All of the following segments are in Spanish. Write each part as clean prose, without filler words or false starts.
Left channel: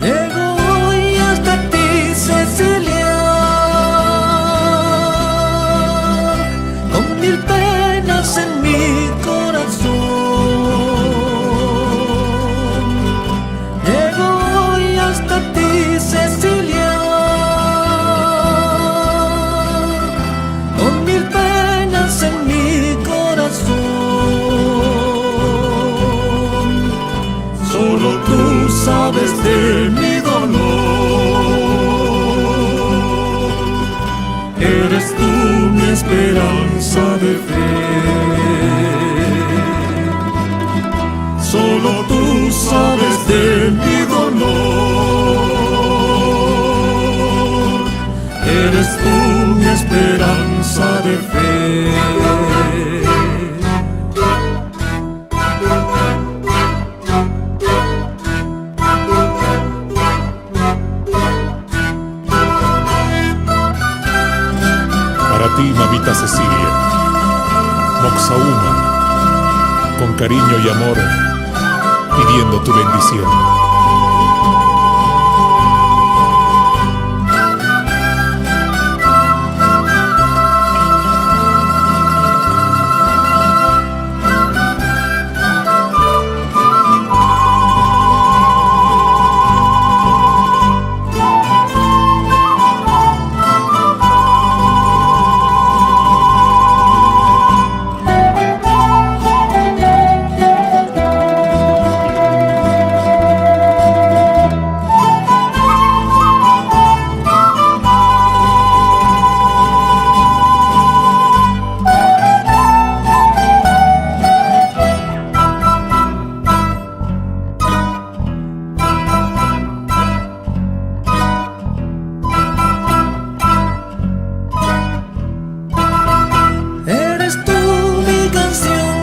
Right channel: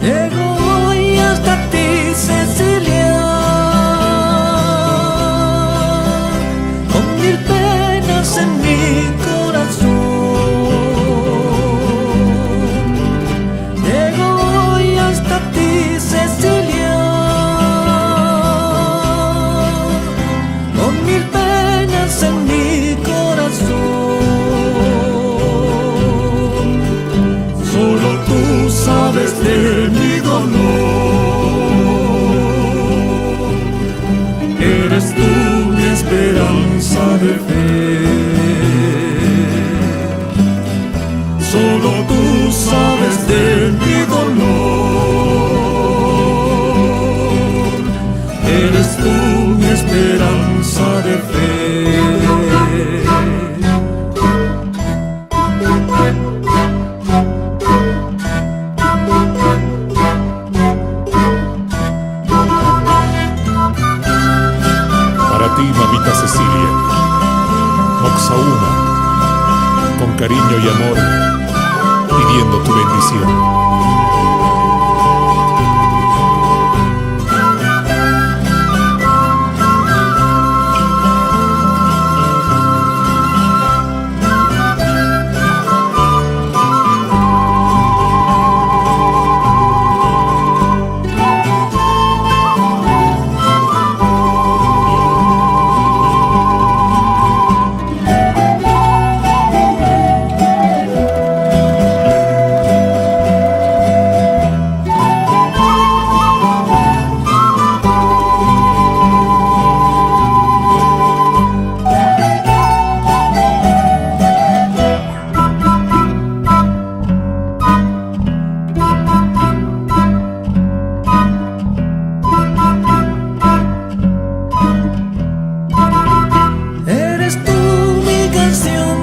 Llego hoy hasta ti, Cecilia, con mil penas en mi corazón. Llego hoy hasta ti, Cecilia, con mil penas en mi corazón. Solo tú sabes de mi dolor. Eres tú mi esperanza de fe. Solo tú sabes de mi dolor. Eres tú mi esperanza de fe. Para ti, mamita Cecilia, Moxahuma, con cariño y amor, pidiendo tu bendición.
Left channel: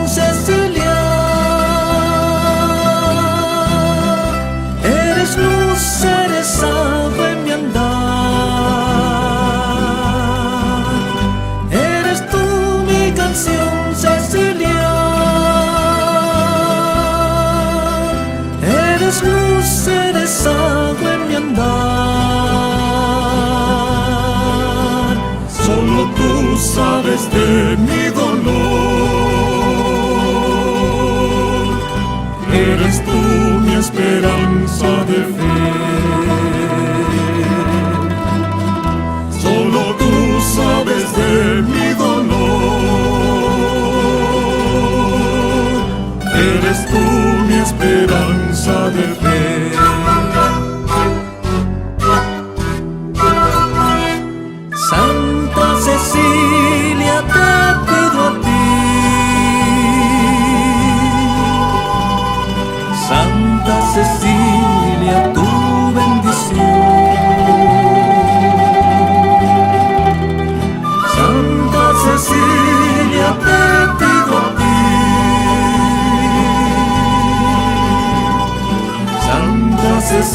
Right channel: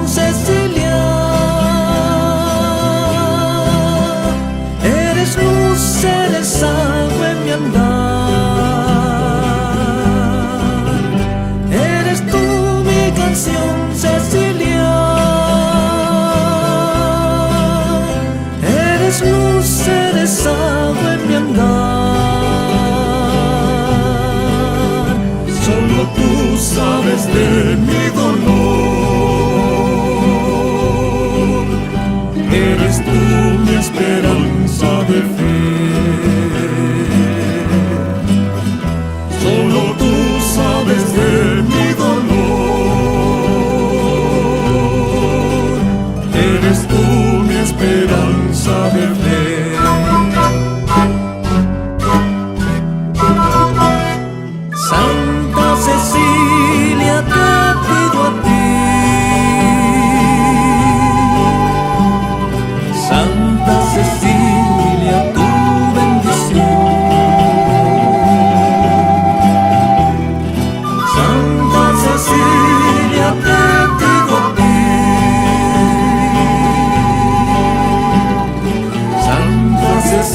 Cecilia, eres luz, eres agua en mi andar. Eres tú mi canción, Cecilia. Eres luz, eres agua en mi andar. Solo tú sabes de mi dolor. Eres tú mi esperanza de fe. Solo tú sabes de mi dolor. Eres tú mi esperanza de fe. Santa Cecilia, te pido a ti. Santa Cecilia, tu bendición. Santa Cecilia, te pido a ti. Santa Cecilia,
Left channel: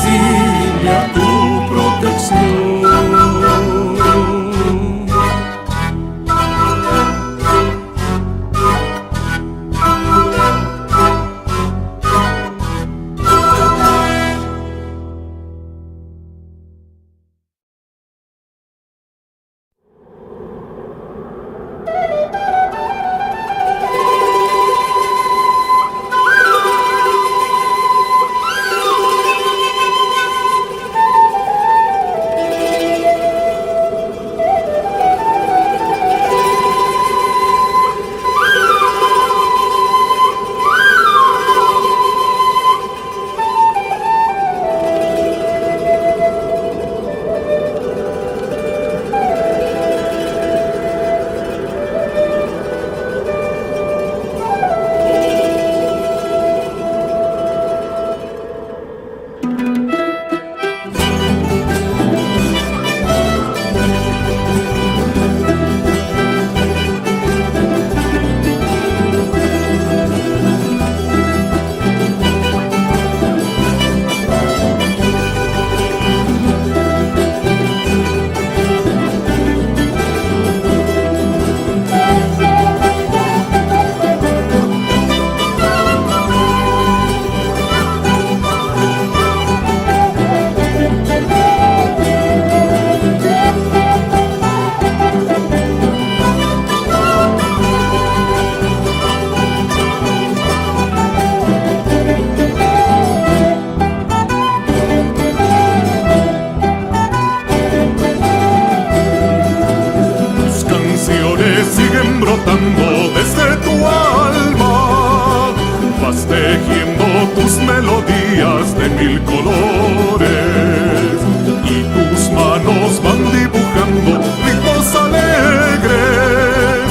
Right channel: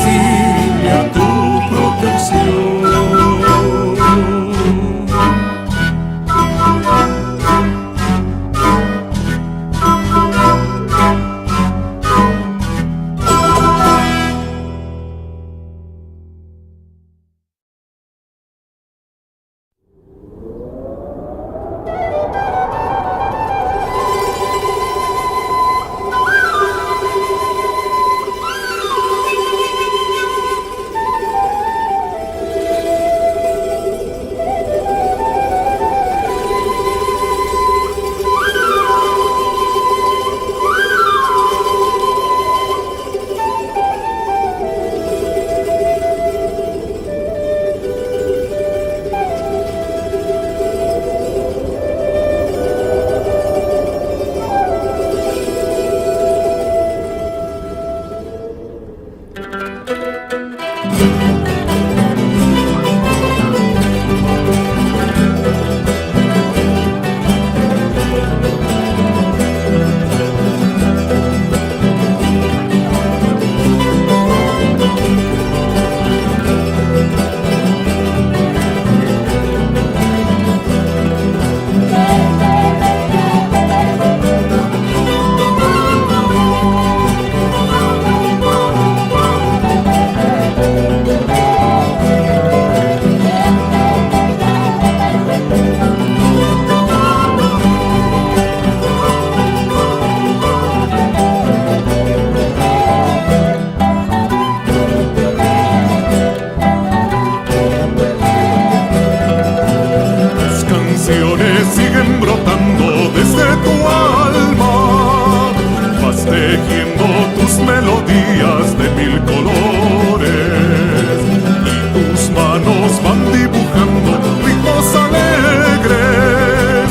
tejiendo tus melodías de mil colores, y tus manos van dibujando ritmos alegres,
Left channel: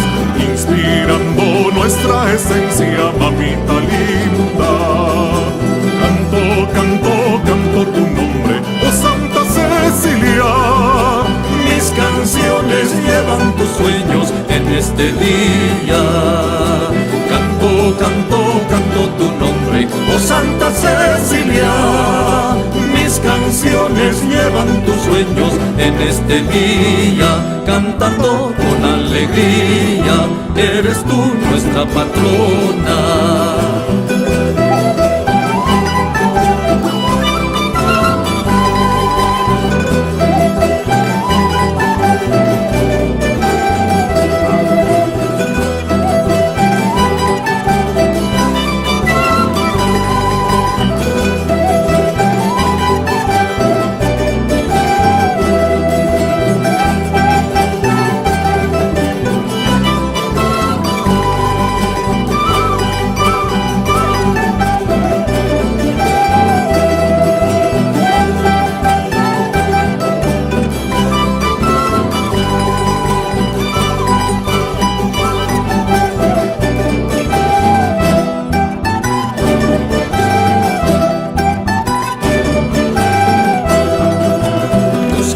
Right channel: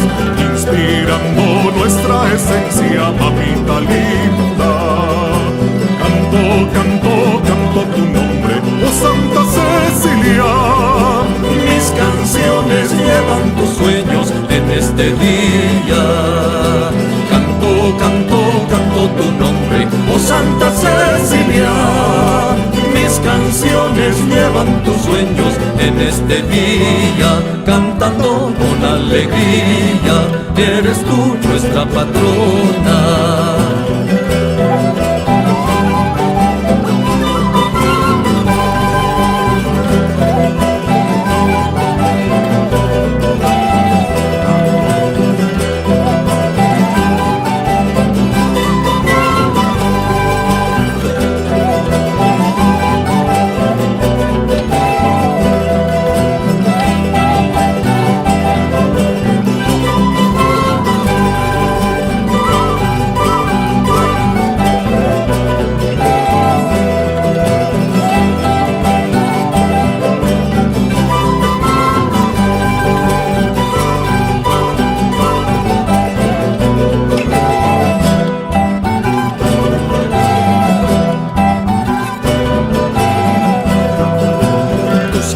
inspirando nuestra esencia, mamita linda. Canto, canto, canto tu nombre, oh Santa Cecilia. Mis canciones llevan tus sueños en este día. Canto, canto, canto tu nombre, oh Santa Cecilia. Mis canciones llevan tus sueños en este día. Cantando con alegría, eres tú nuestra patrona.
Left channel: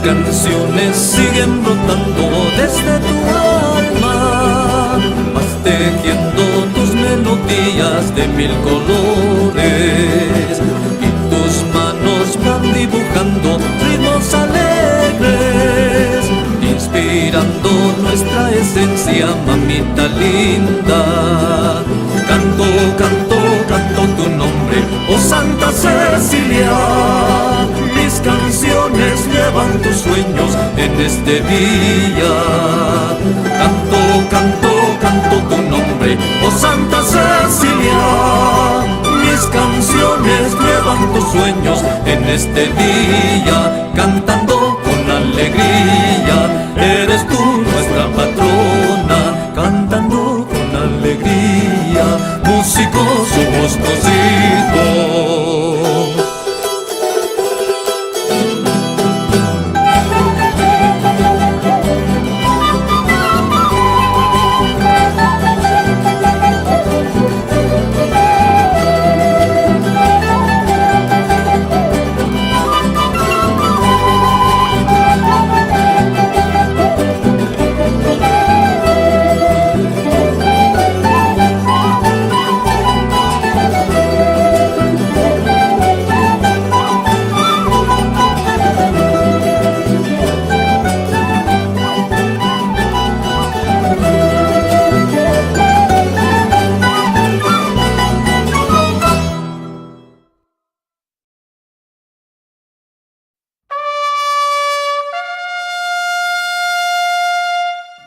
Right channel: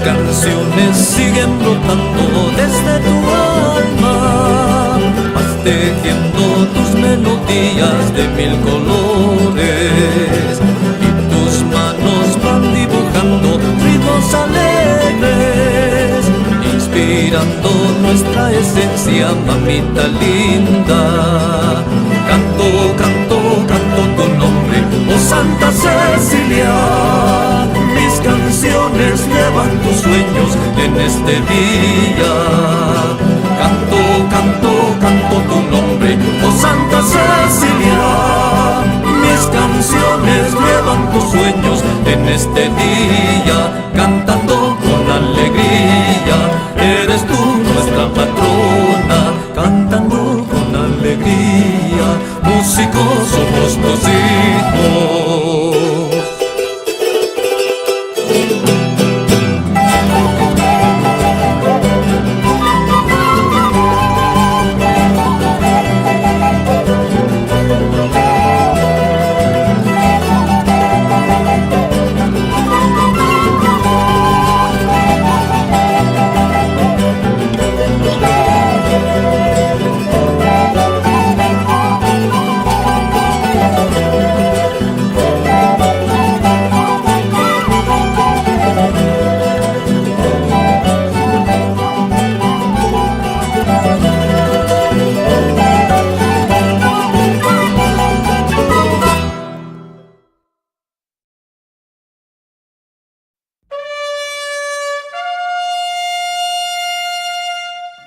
Canciones siguen brotando desde tu alma, vas tejiendo tus melodías de mil colores, y tus manos van dibujando ritmos alegres, inspirando nuestra esencia, mamita linda. Canto, canto, canto tu nombre, oh Santa Cecilia. Mis canciones llevan tus sueños en este día. Canto, canto, canto tu nombre, oh Santa Cecilia. Mis canciones llevan tus sueños en este día. Cantando con alegría, eres tú nuestra patrona. Cantando con alegría, músicos somos tus hijos.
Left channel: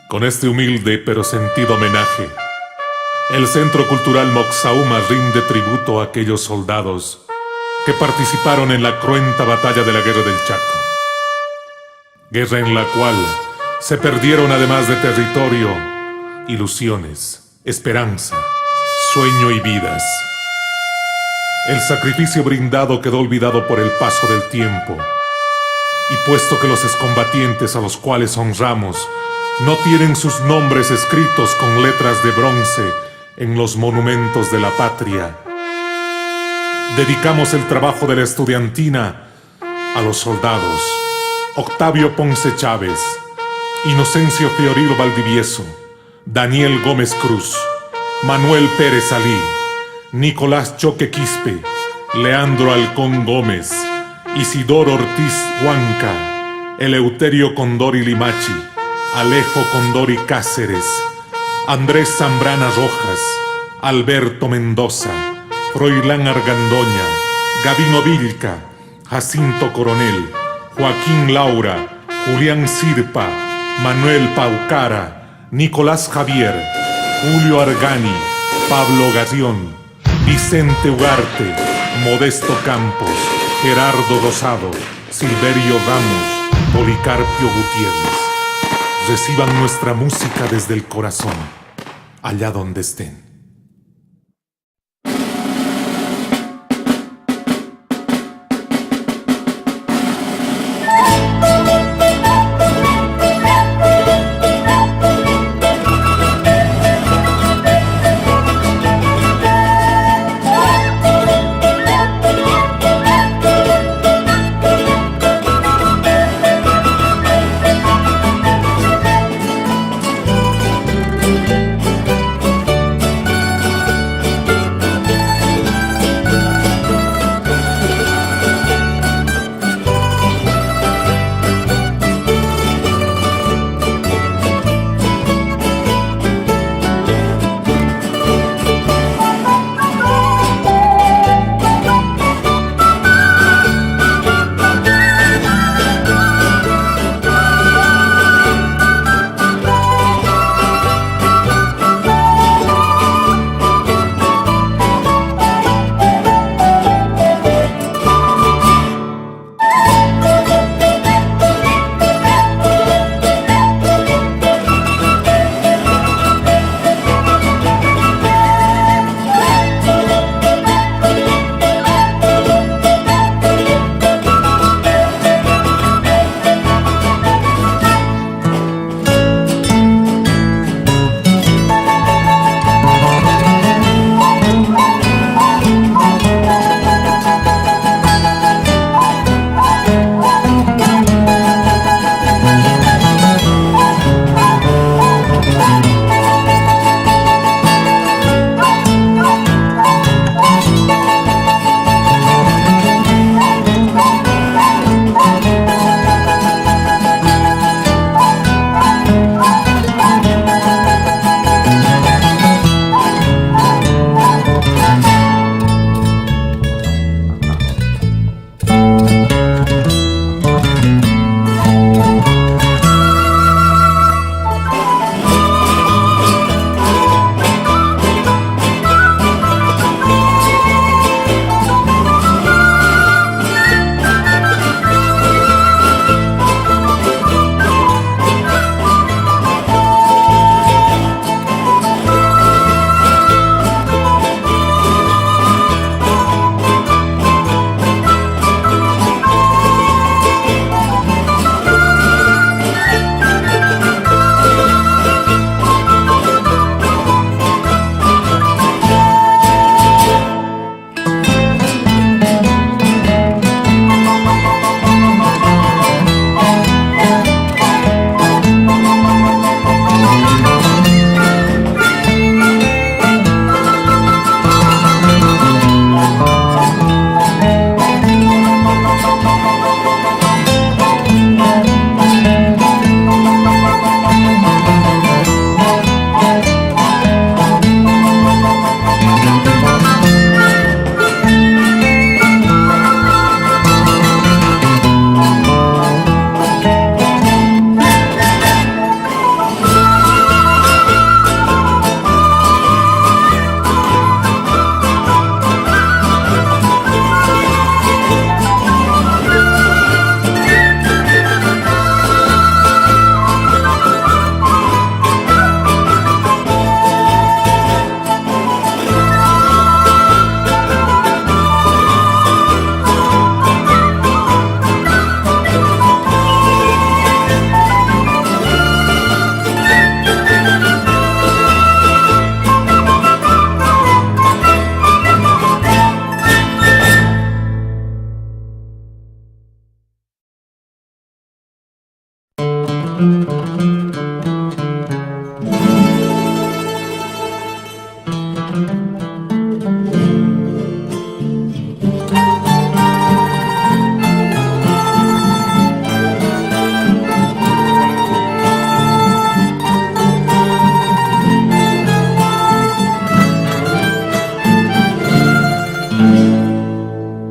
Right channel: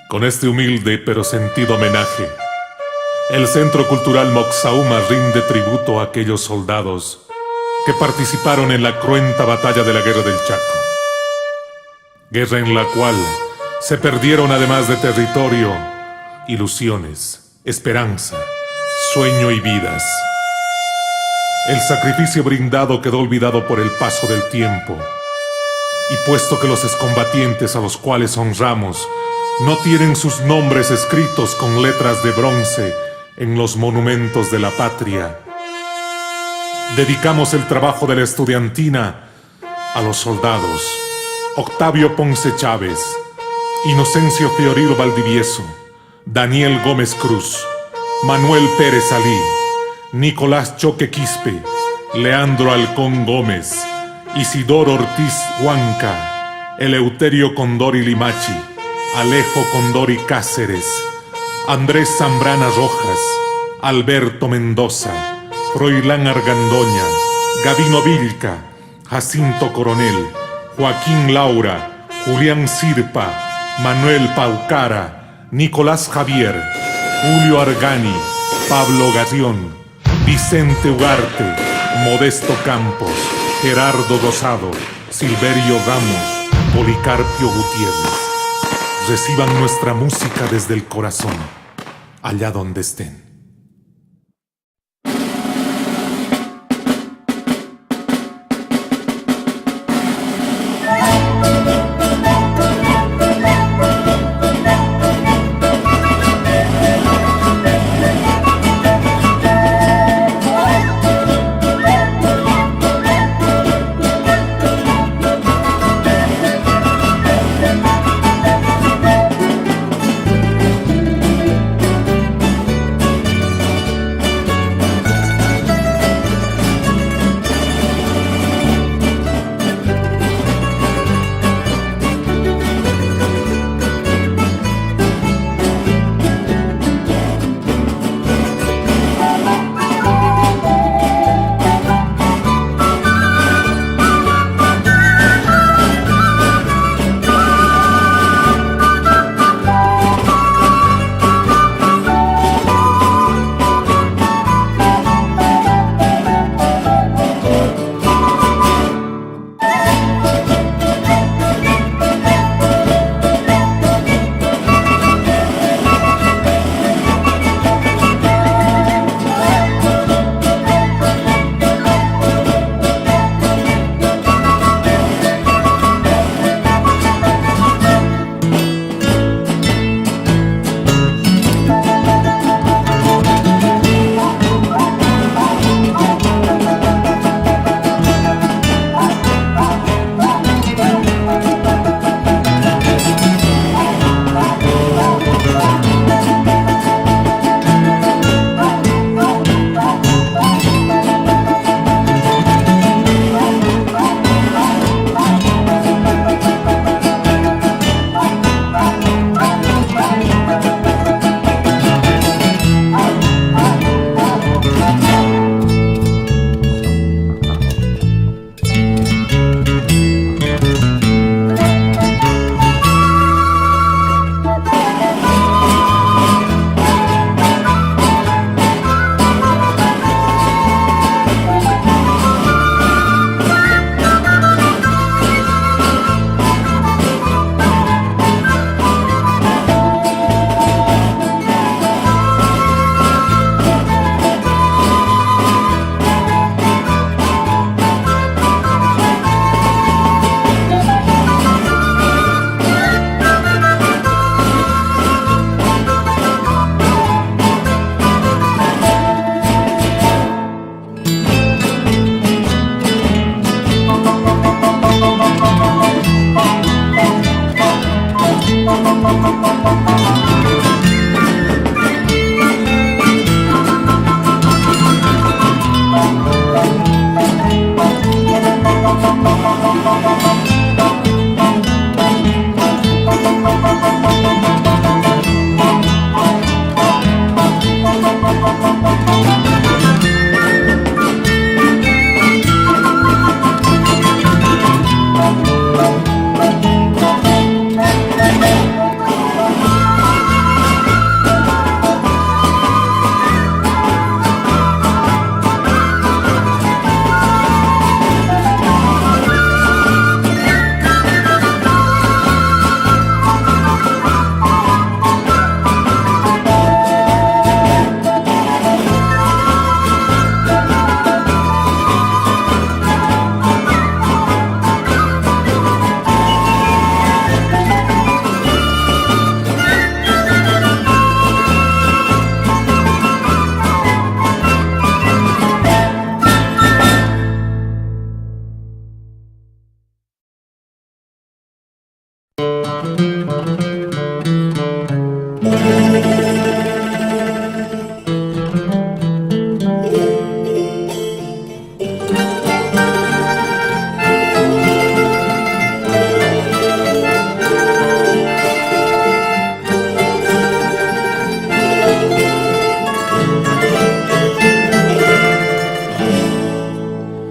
Con este humilde pero sentido homenaje, el Centro Cultural Moxahuma rinde tributo a aquellos soldados que participaron en la cruenta batalla de la Guerra del Chaco. Guerra en la cual se perdieron, además de territorio, ilusiones, esperanza, sueño y vidas. El sacrificio brindado quedó olvidado por el paso del tiempo, y puesto que los excombatientes a los cuales honramos no tienen sus nombres escritos con letras de bronce en los monumentos de la patria, dedicamos el trabajo de la estudiantina a los soldados Octavio Ponce Chávez, Inocencio Fiorilo Valdivieso, Daniel Gómez Cruz, Manuel Pérez Alí, Nicolás Choque Quispe, Leandro Halcón Gómez, Isidoro Ortiz Huanca, Eleuterio Condori Limachi, Alejo Condori Cáceres, Andrés Zambrana Rojas, Alberto Mendoza, Froilán Argandoña, Gabino Vilca, Jacinto Coronel, Joaquín Laura, Julián Sirpa, Manuel Paucara, Nicolás Javier, Julio Argani, Pablo Garrión, Vicente Ugarte, Modesto Campos, Gerardo Rosado, Silverio Ramos, Policarpio Gutiérrez. Reciban nuestra música desde el corazón, allá donde estén.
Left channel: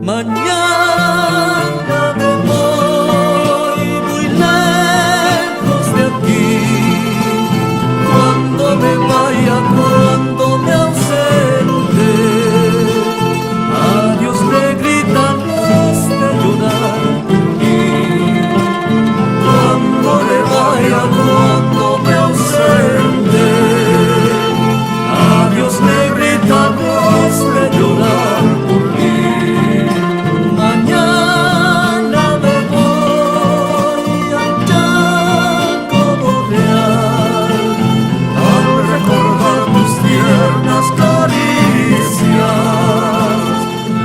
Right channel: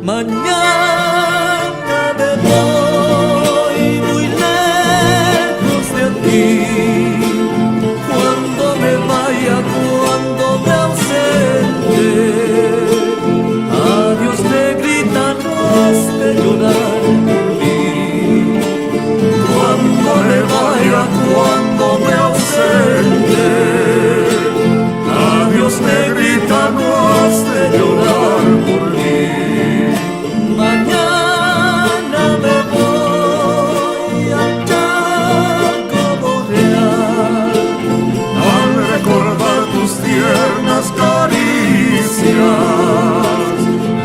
Mañana me voy muy lejos de aquí. Cuando me vaya, cuando me ausente, adiós negrita, no has de llorar por mí. Cuando me vaya, cuando me ausente, adiós negrita, no has de llorar por mí. Mañana me voy al Chaco Real, al recordar tus tiernas caricias,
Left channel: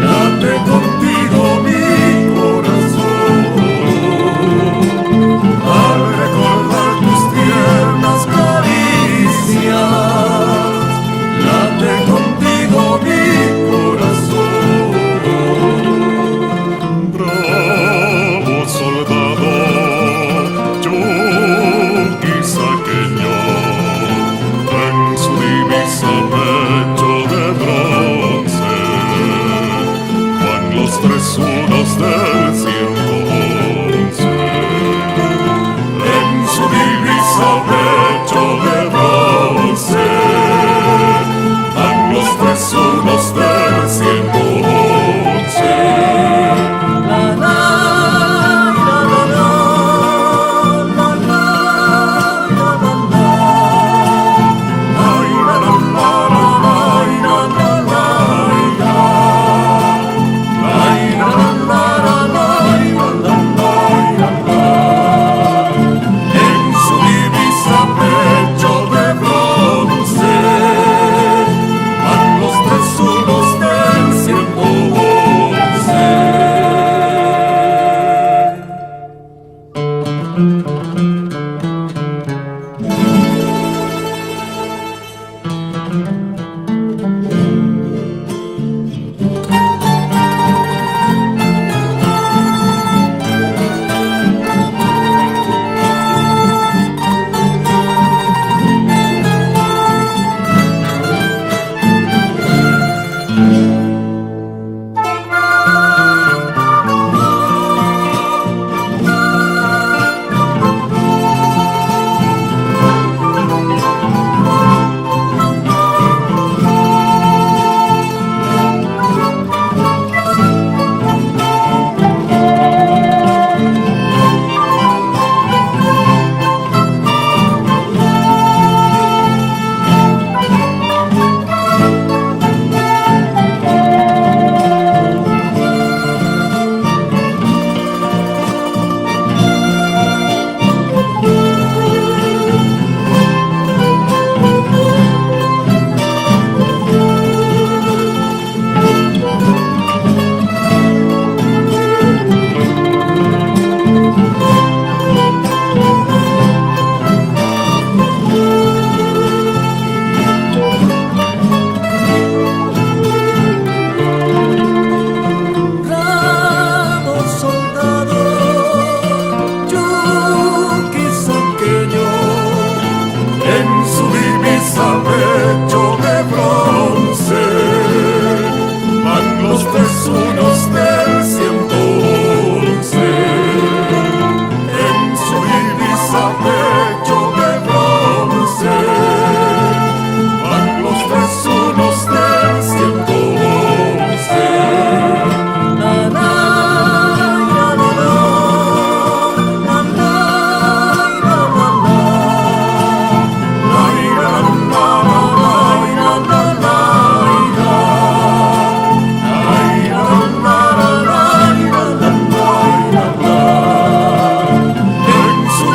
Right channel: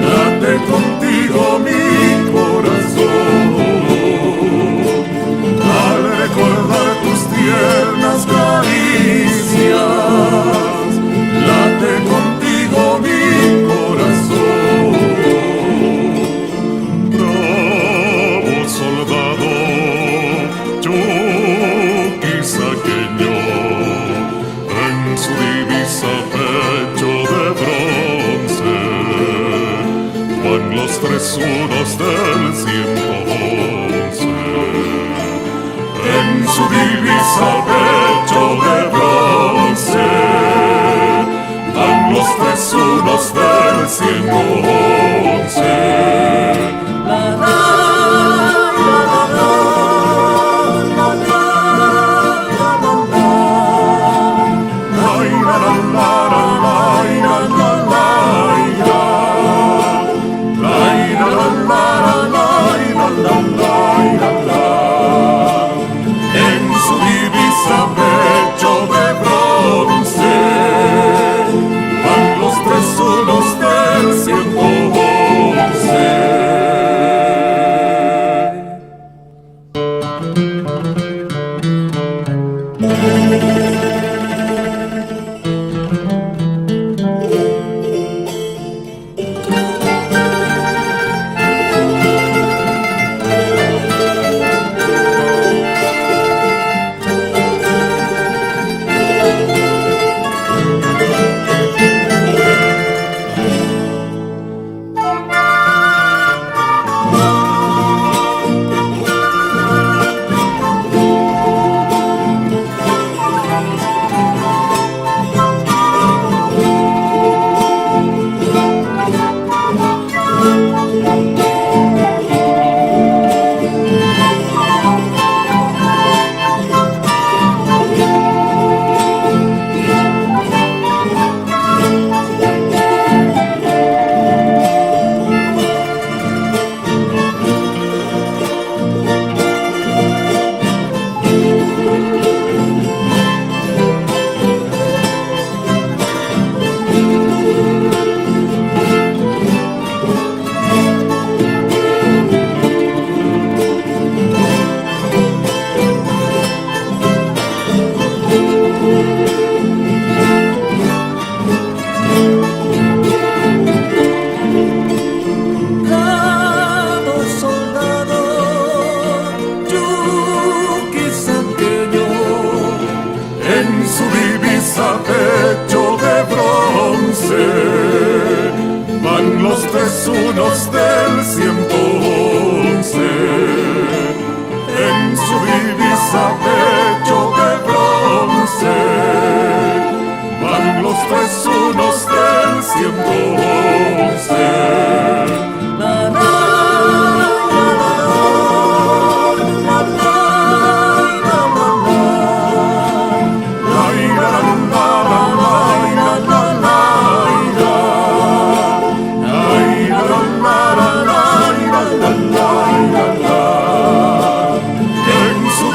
late contigo mi corazón. Al recordar tus tiernas caricias, late contigo mi corazón. Bravo soldado, chuquisaqueño, en su divisa pecho de bronce, van los 3 unos del 111. En su divisa pecho de bronce, van los 3 unos del 111. La la la la la la la la la la. Ay la la la la la la la la la. Ay la la la la la la la. En su divisa pecho de bronce, van los 3 unos del 111. pecho de bronce, van los 3 unos del 111. En su divisa pecho de bronce, van los 3 unos del 111. La la la la la la la la la la La ira, la la la ira, la la ira. La ira, la la la ira, la la ira, la. En su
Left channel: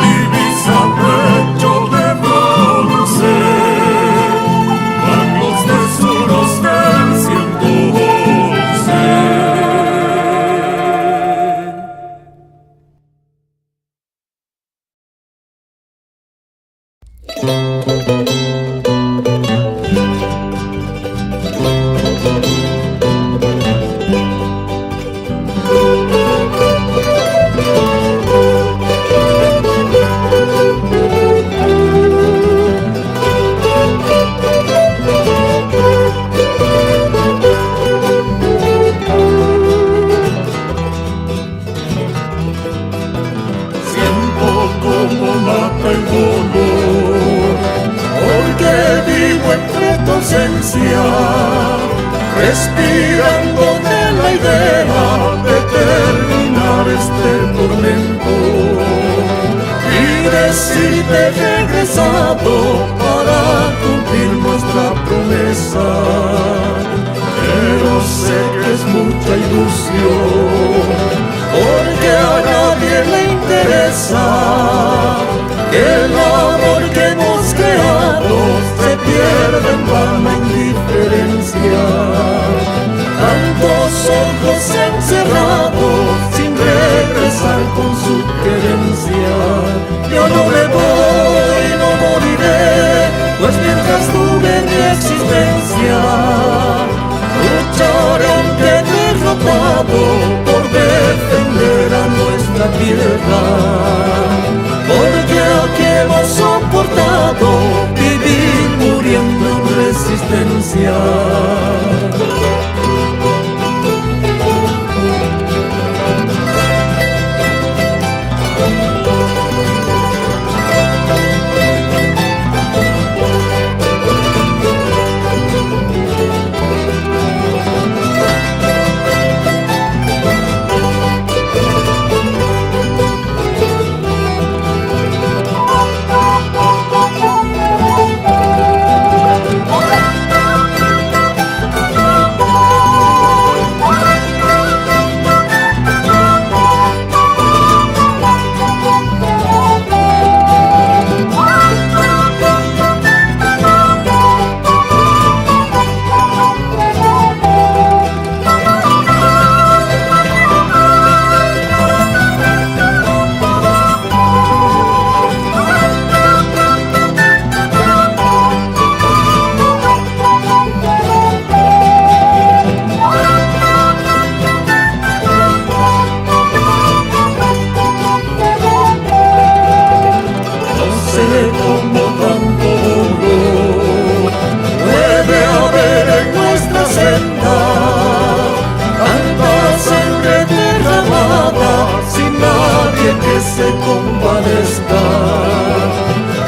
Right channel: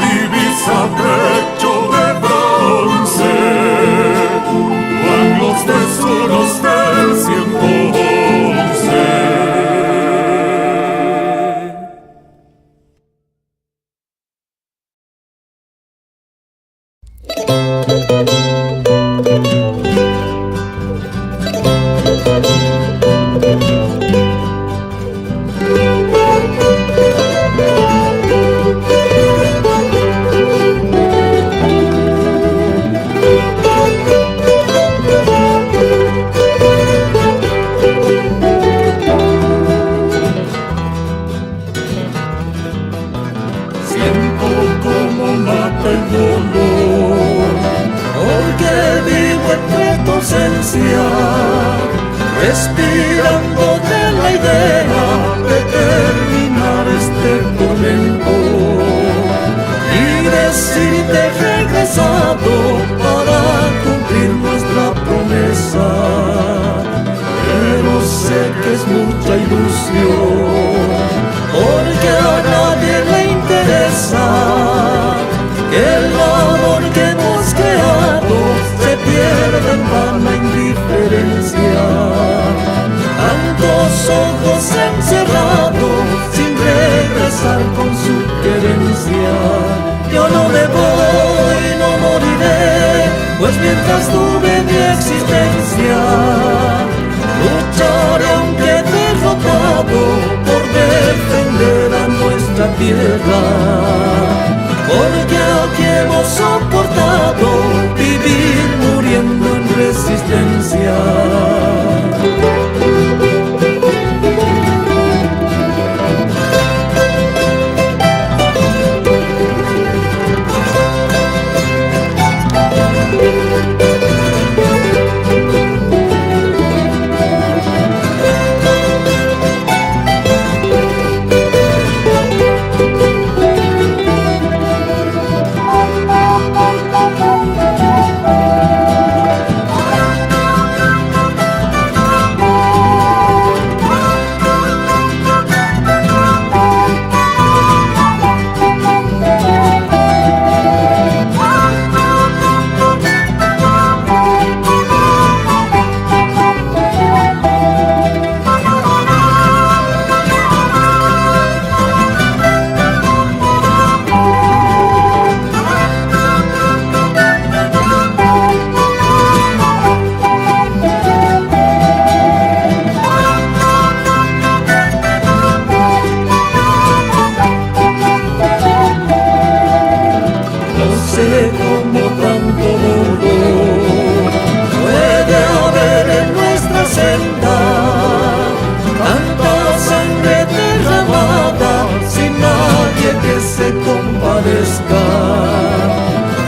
ausencia, respirando de la idea de terminar este tormento y decirte regresado para cumplir nuestra promesa. Pero sé que es mucha ilusión, porque a nadie le interesa que el amor que hemos creado se pierde en vana indiferencia. Tantos ojos encerrados sin regresar con su querencia. Yo no me voy, no moriré, pues mientras tuve mi existencia, lucharé aunque derrotado por defender a nuestra tierra. Porque aquí hemos soportado vivir muriendo en resistencia. Como tanto dolor puede haber en nuestra senda, tanta sangre derramada sin nadie que se compadezca.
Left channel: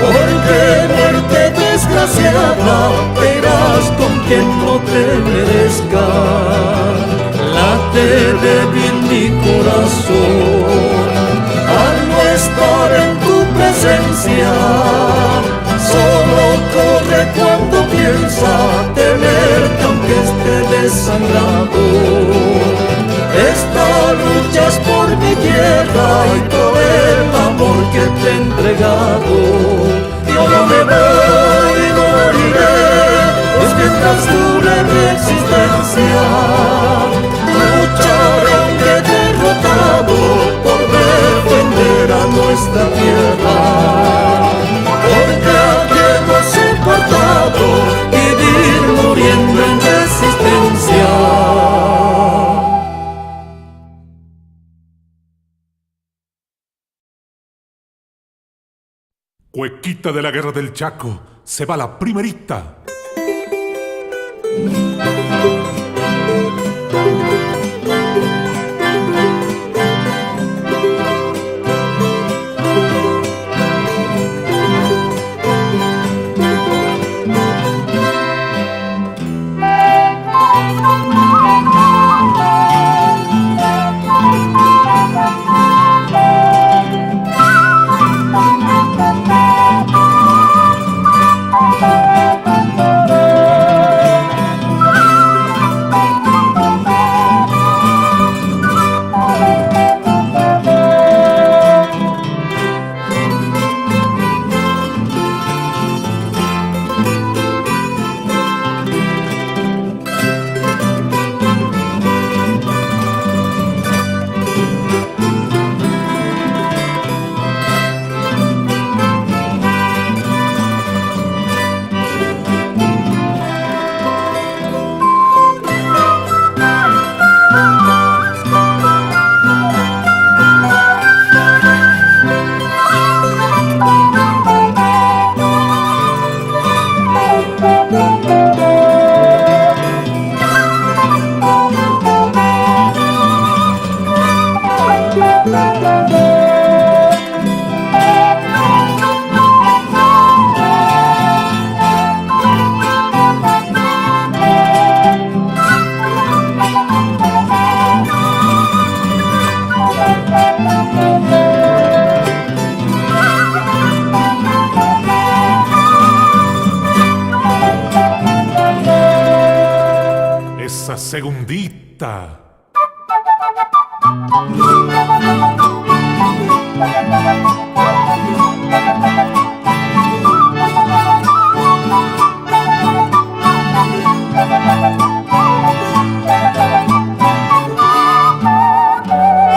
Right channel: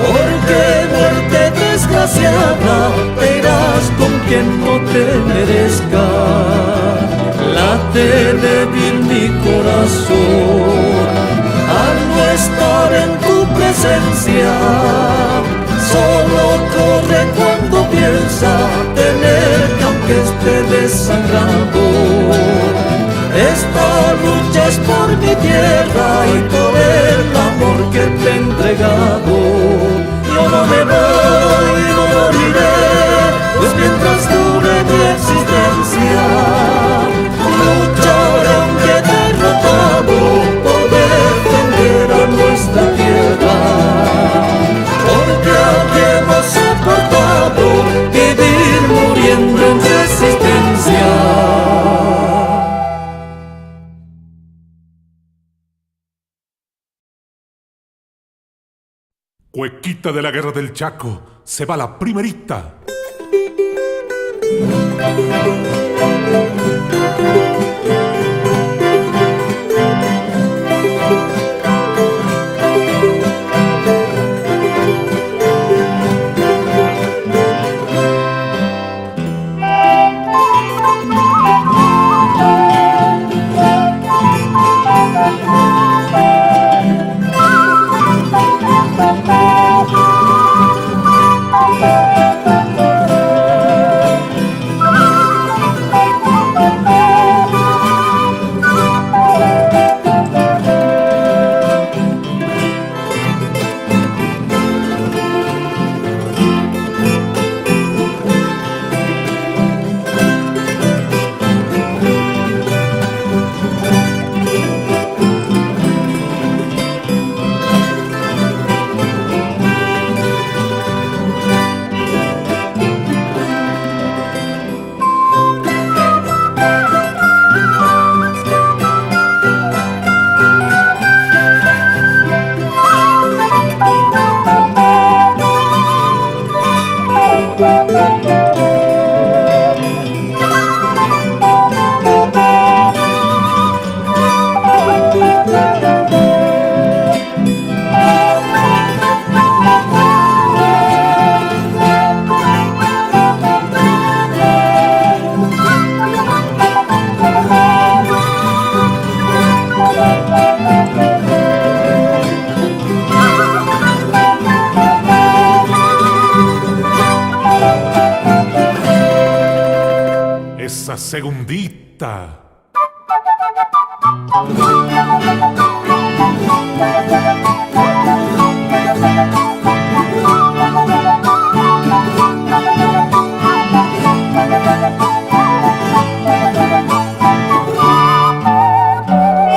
Porque muerte desgraciada te irás con quien no te merezca. Late débil mi corazón al no estar en tu presencia, solo corre cuando piensa tenerte aunque esté desangrado. Esta lucha es por mi tierra y por el amor que te he entregado. Yo no me voy, no moriré, pues mientras dure mi existencia, lucharé aunque derrotado por defender a nuestra tierra. Porque aquí hemos soportado vivir muriendo en resistencia. Cuequita de la Guerra del Chaco, se va la primerita. segundita.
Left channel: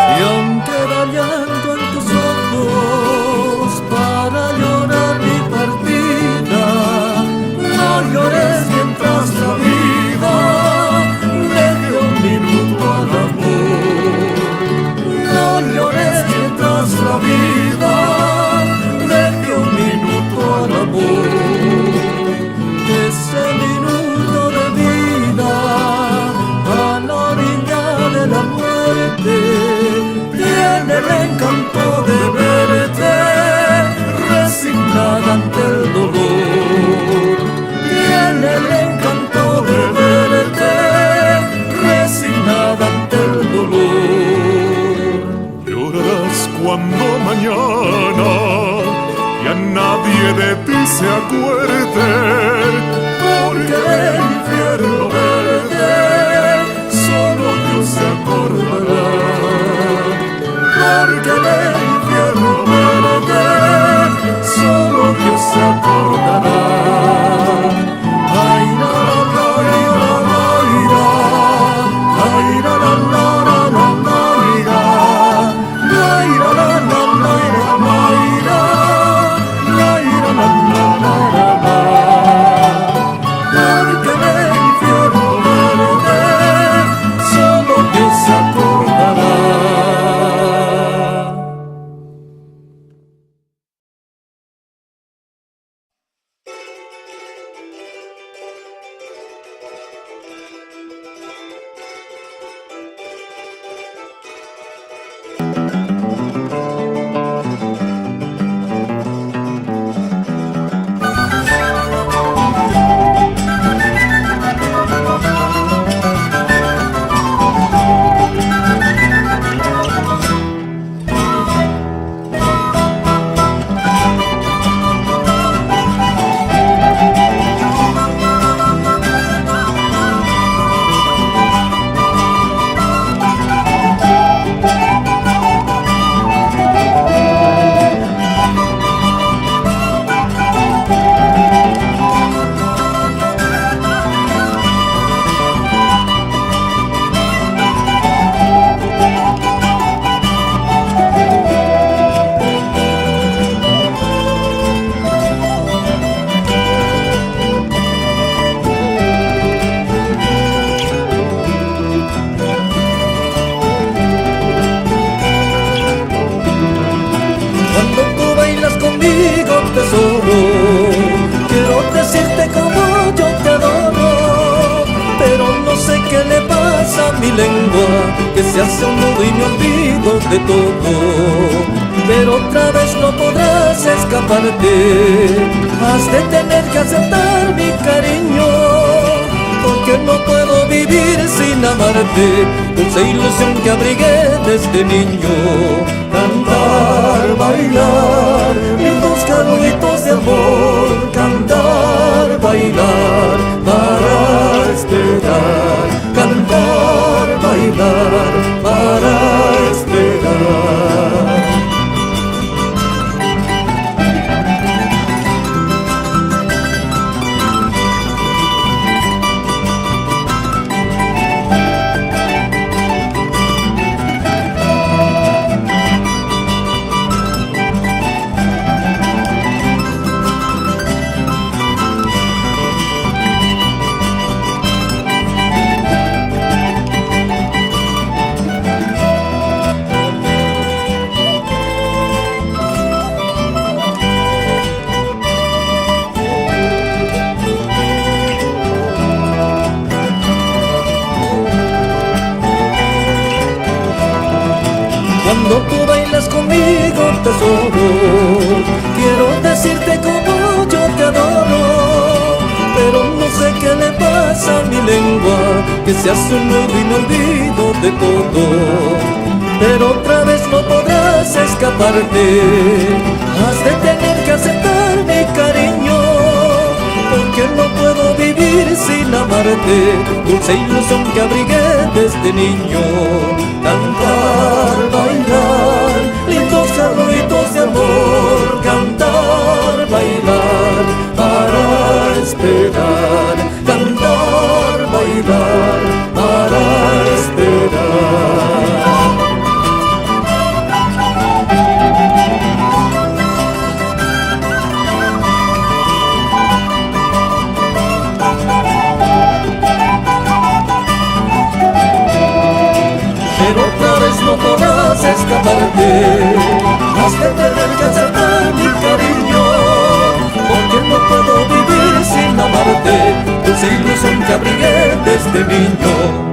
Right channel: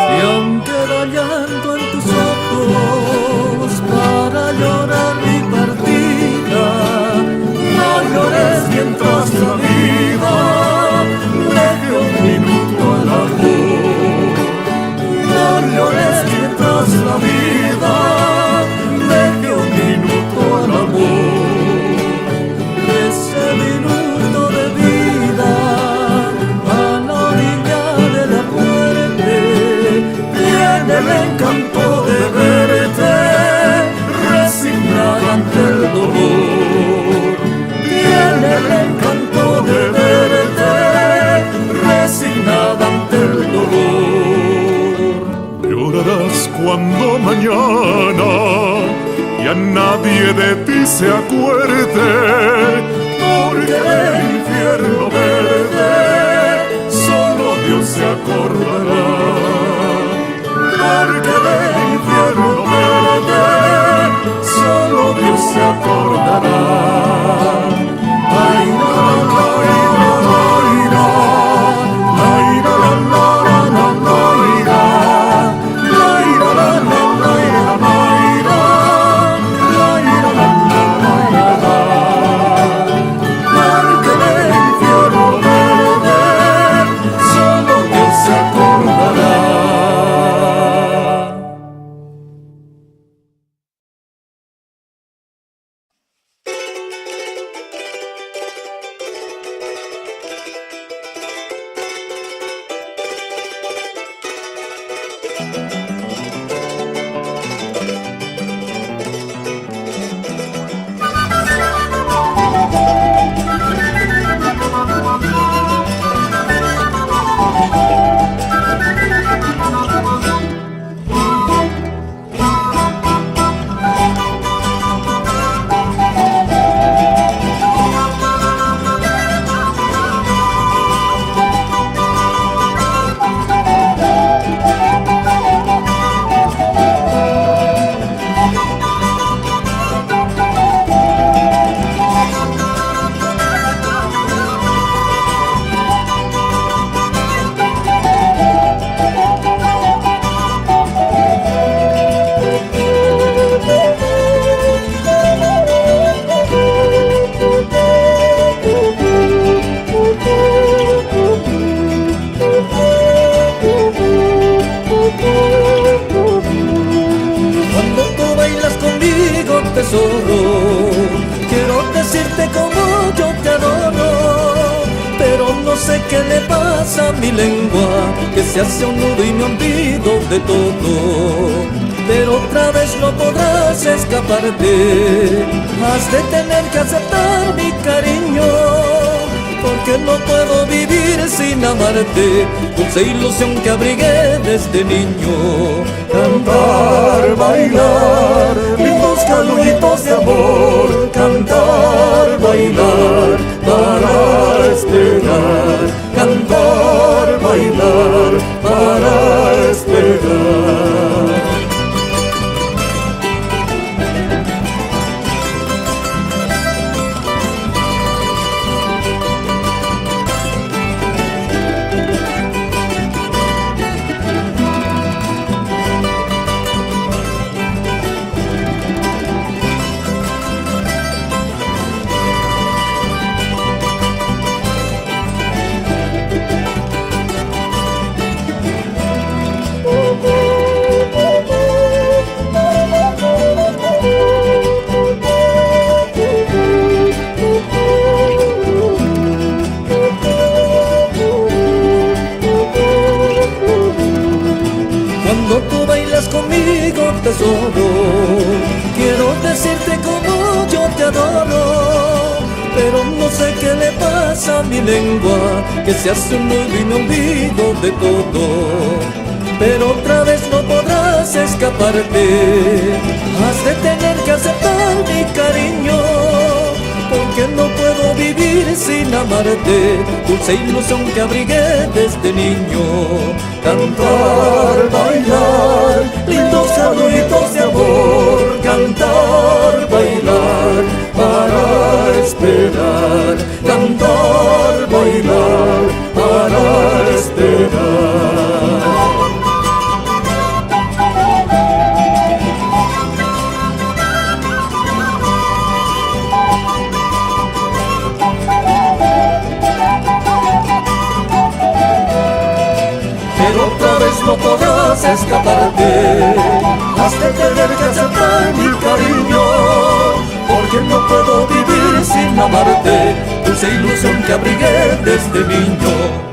Si aún queda llanto en tus ojos para llorar mi partida, no llores mientras la vida deje un minuto al amor. No llores mientras la vida deje un minuto al amor. Ese minuto de vida a la orilla de la muerte tiene el encanto de verte resignada ante el dolor. Tiene el encanto de verte resignada ante el dolor. Llorarás cuando mañana ya nadie de ti se acuerde, porque del infierno verde solo Dios se acordará. Porque del infierno verde solo Dios se acordará. Ay, la la la la la, ay, la la la la la la, ay, la la la la la, porque del infierno verde solo Dios se acordará. Tesoro, quiero decirte como yo te adoro, pero no sé qué le pasa a mi lengua, que se hace un nudo y me olvido de todo. Pero otra vez no podrás escaparte, has de tener que aceptar mi cariño, porque no puedo vivir sin amarte, dulce ilusión que abrigué desde niño. Cantar, bailar, lindos canuitos de amor, cantar, bailar, para esperar, cantar, bailar, para esperar. Cuando tú bailas conmigo, tesoro, quiero decirte como yo te adoro, pero no sé qué le pasa a mi lengua, que se hace un nudo y me olvido de todo. Pero otra vez no podrás escaparte, has de tener que aceptar mi cariño, porque no puedo vivir sin amarte, dulce ilusión que abrigué desde niño. Cantar, bailar, lindos saluditos de amor, cantar, bailar, para esperar, cantar, bailar, para esperar. Pero otra vez no podrás escaparte, has de tener que aceptar mi cariño, porque no puedo vivir sin amarte, dulce ilusión que abrigué desde niño.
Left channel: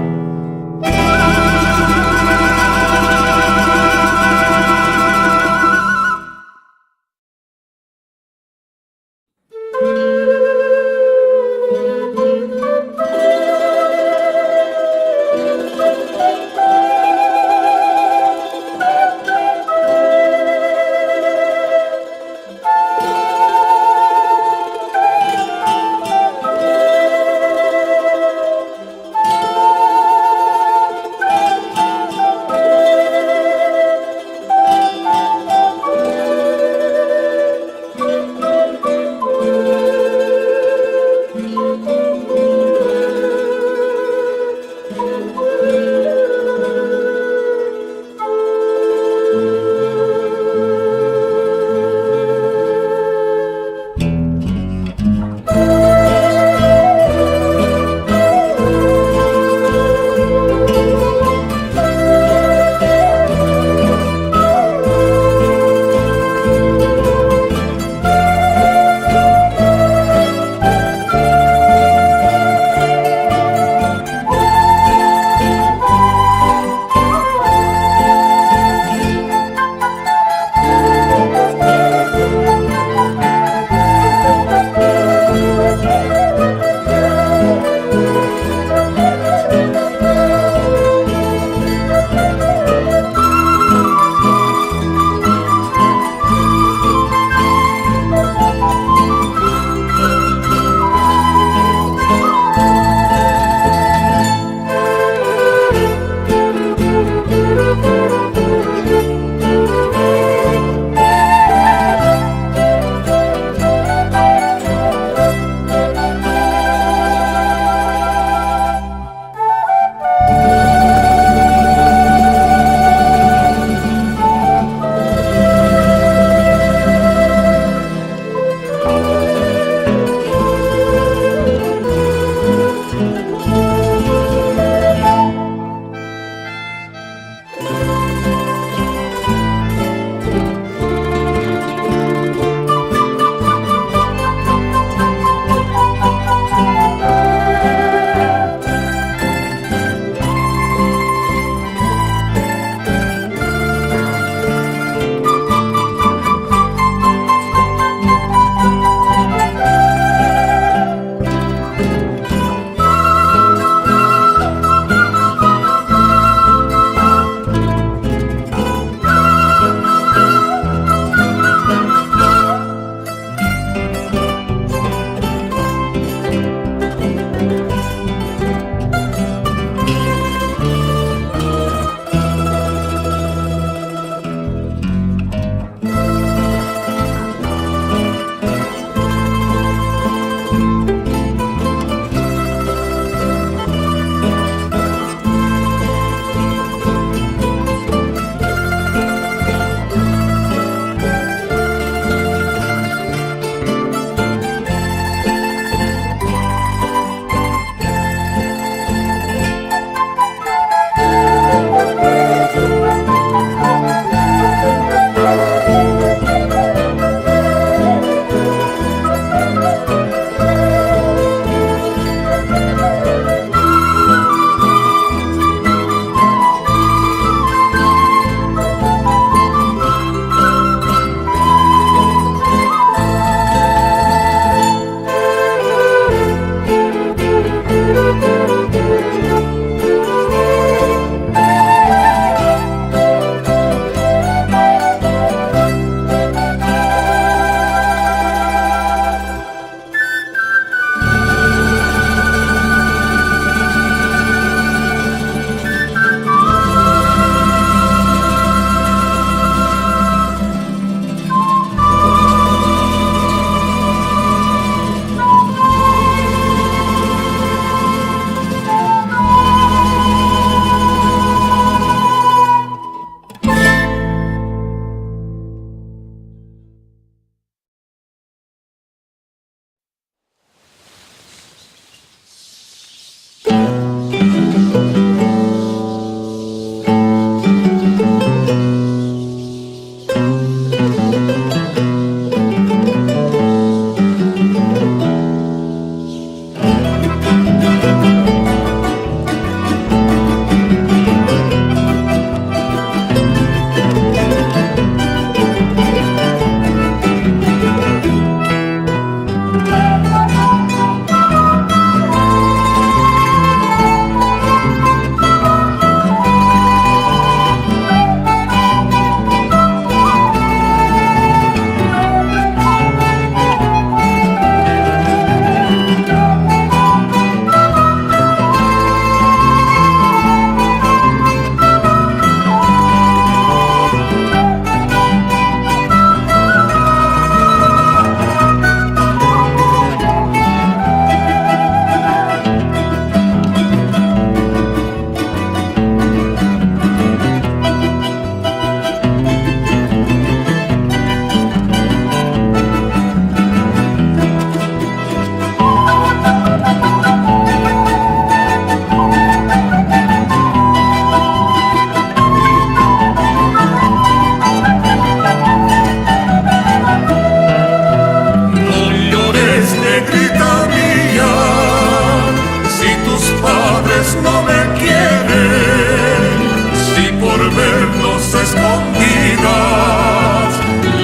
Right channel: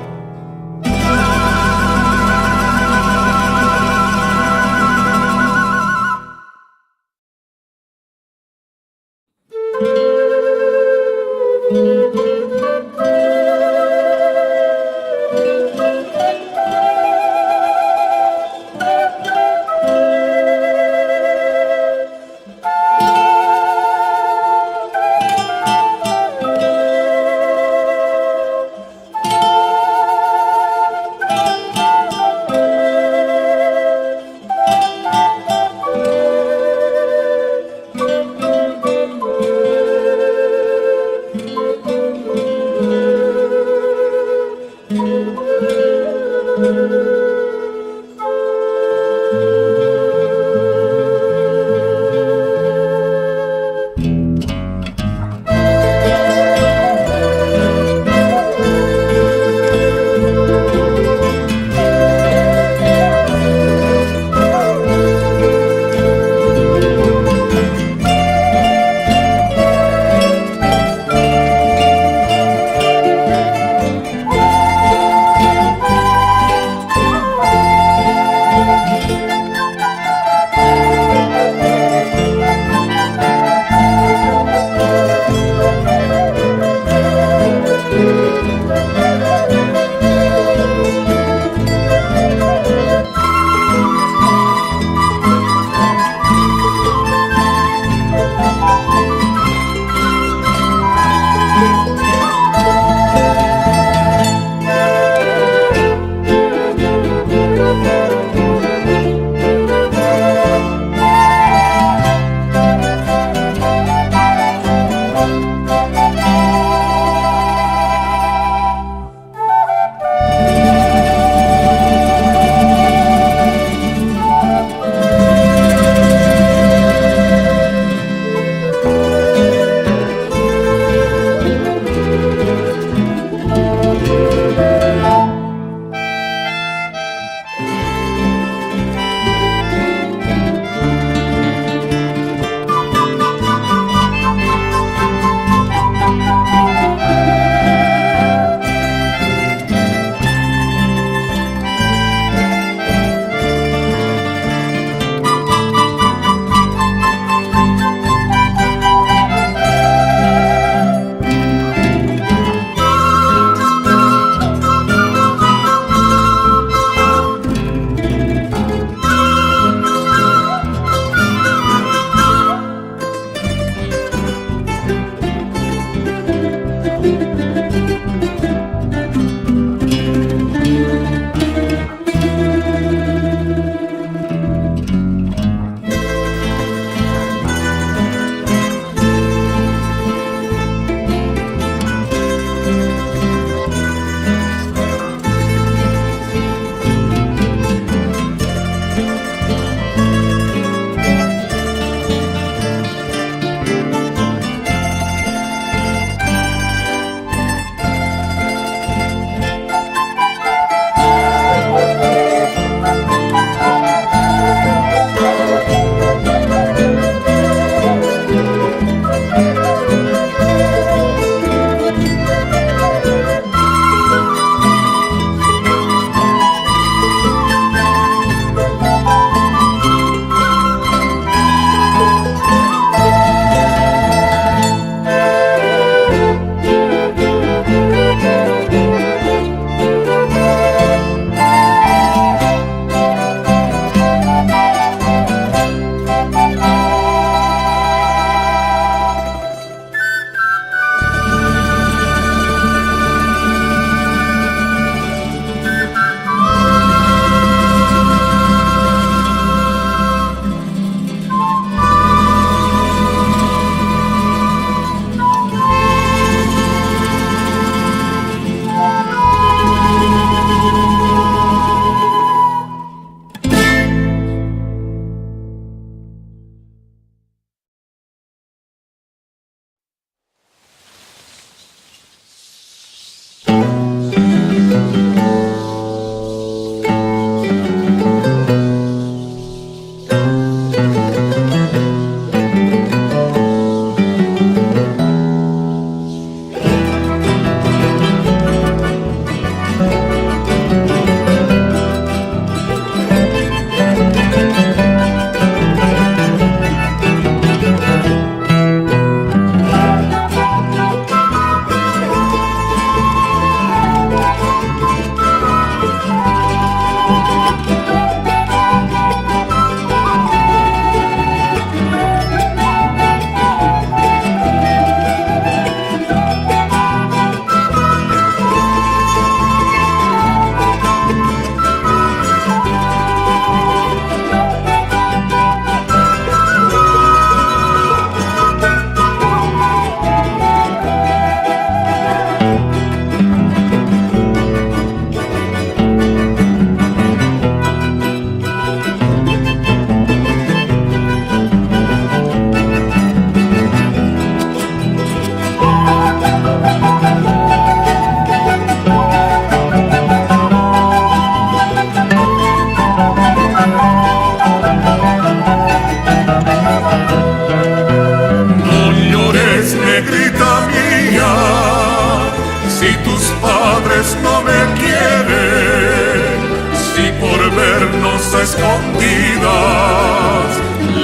vernos a escondidas,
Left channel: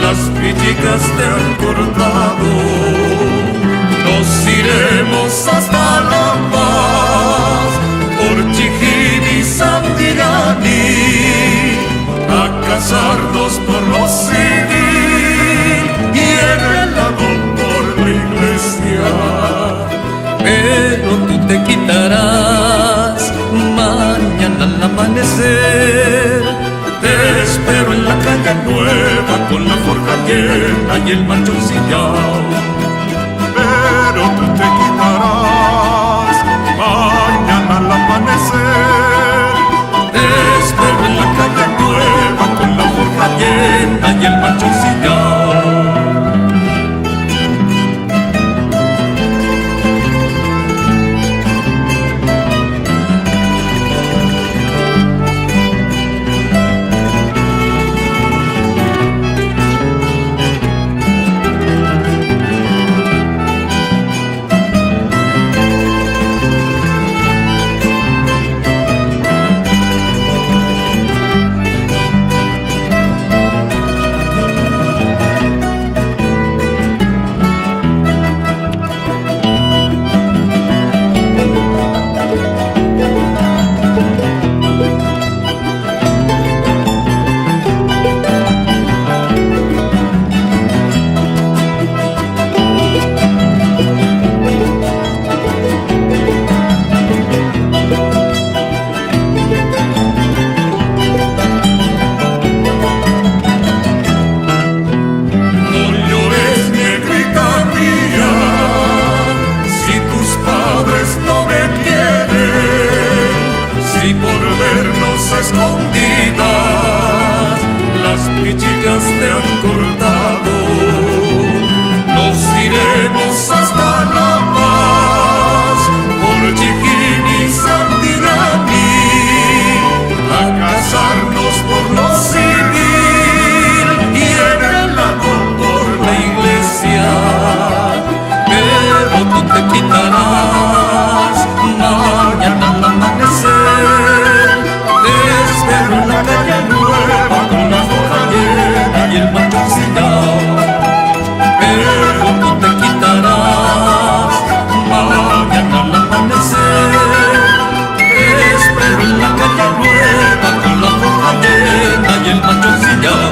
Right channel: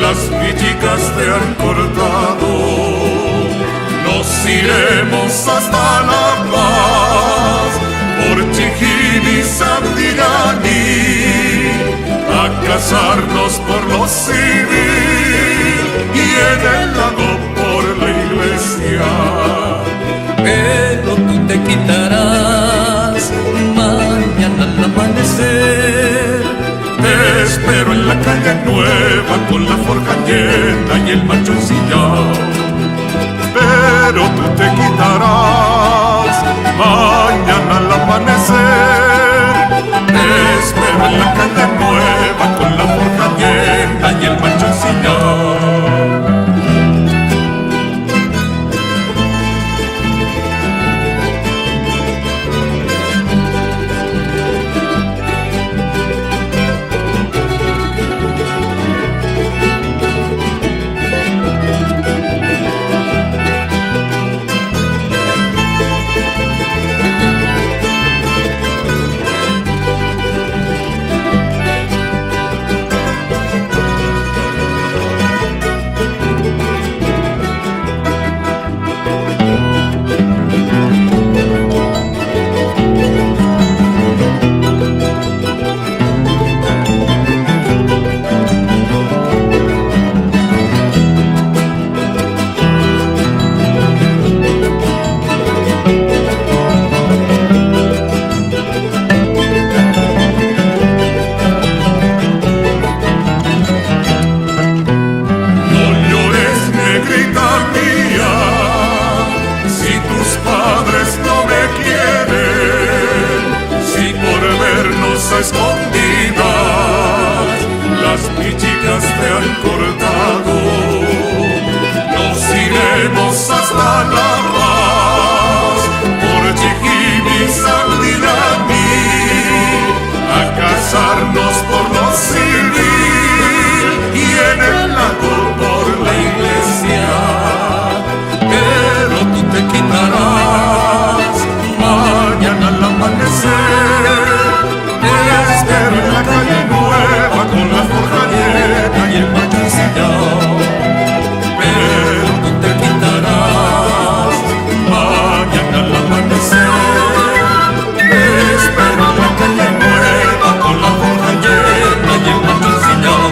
las villicas te han cortado. Nos iremos hasta La Paz, por Chijimi, Sandillani, a casarnos por lo civil y en el lago por la iglesia. Pero tú te quitarás mañana al amanecer. Te espero en la calle nueva con la forja llena y el machoncillao. Pero tú te quitarás mañana al amanecer. Te espero en la calle nueva con la forja llena y el machoncillao. Escondidas, las pichicas te han cortado. Nos iremos hasta La Paz, por Chijimi, Sandillani, a casarnos por lo civil y en el lago por la iglesia. Pero tú te quitarás mañana al amanecer. Te espero en la calle nueva con la forja llena y el machoncillao. Pero tú te quitarás mañana al amanecer. Te espero en la calle nueva con la forja llena y el machoncillao.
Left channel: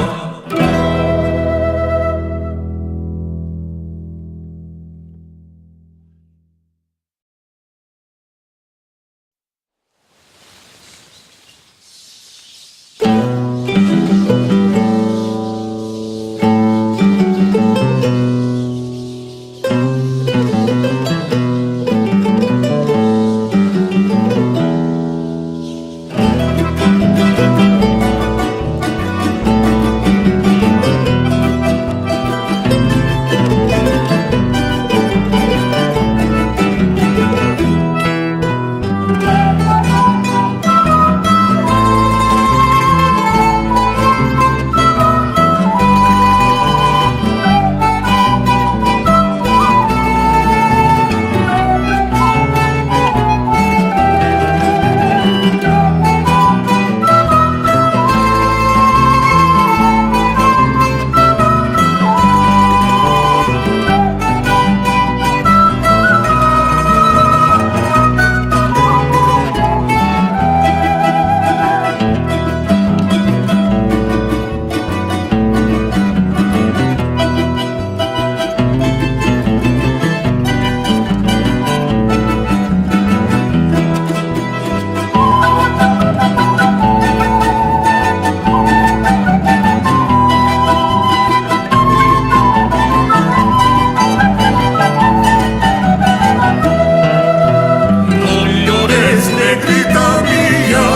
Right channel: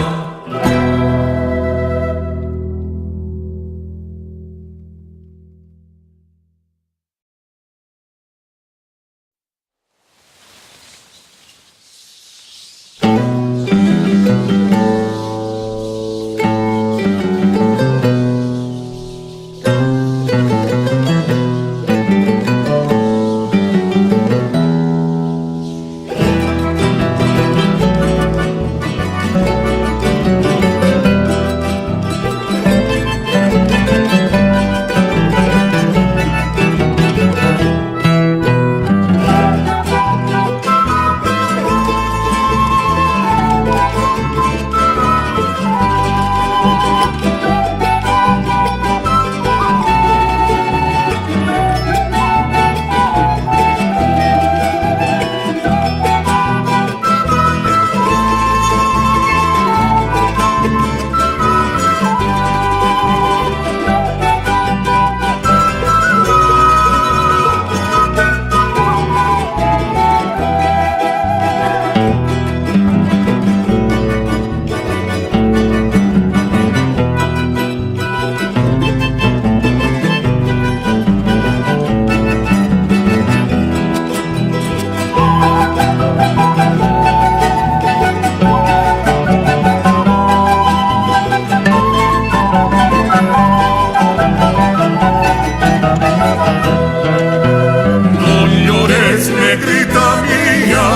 negrita mía,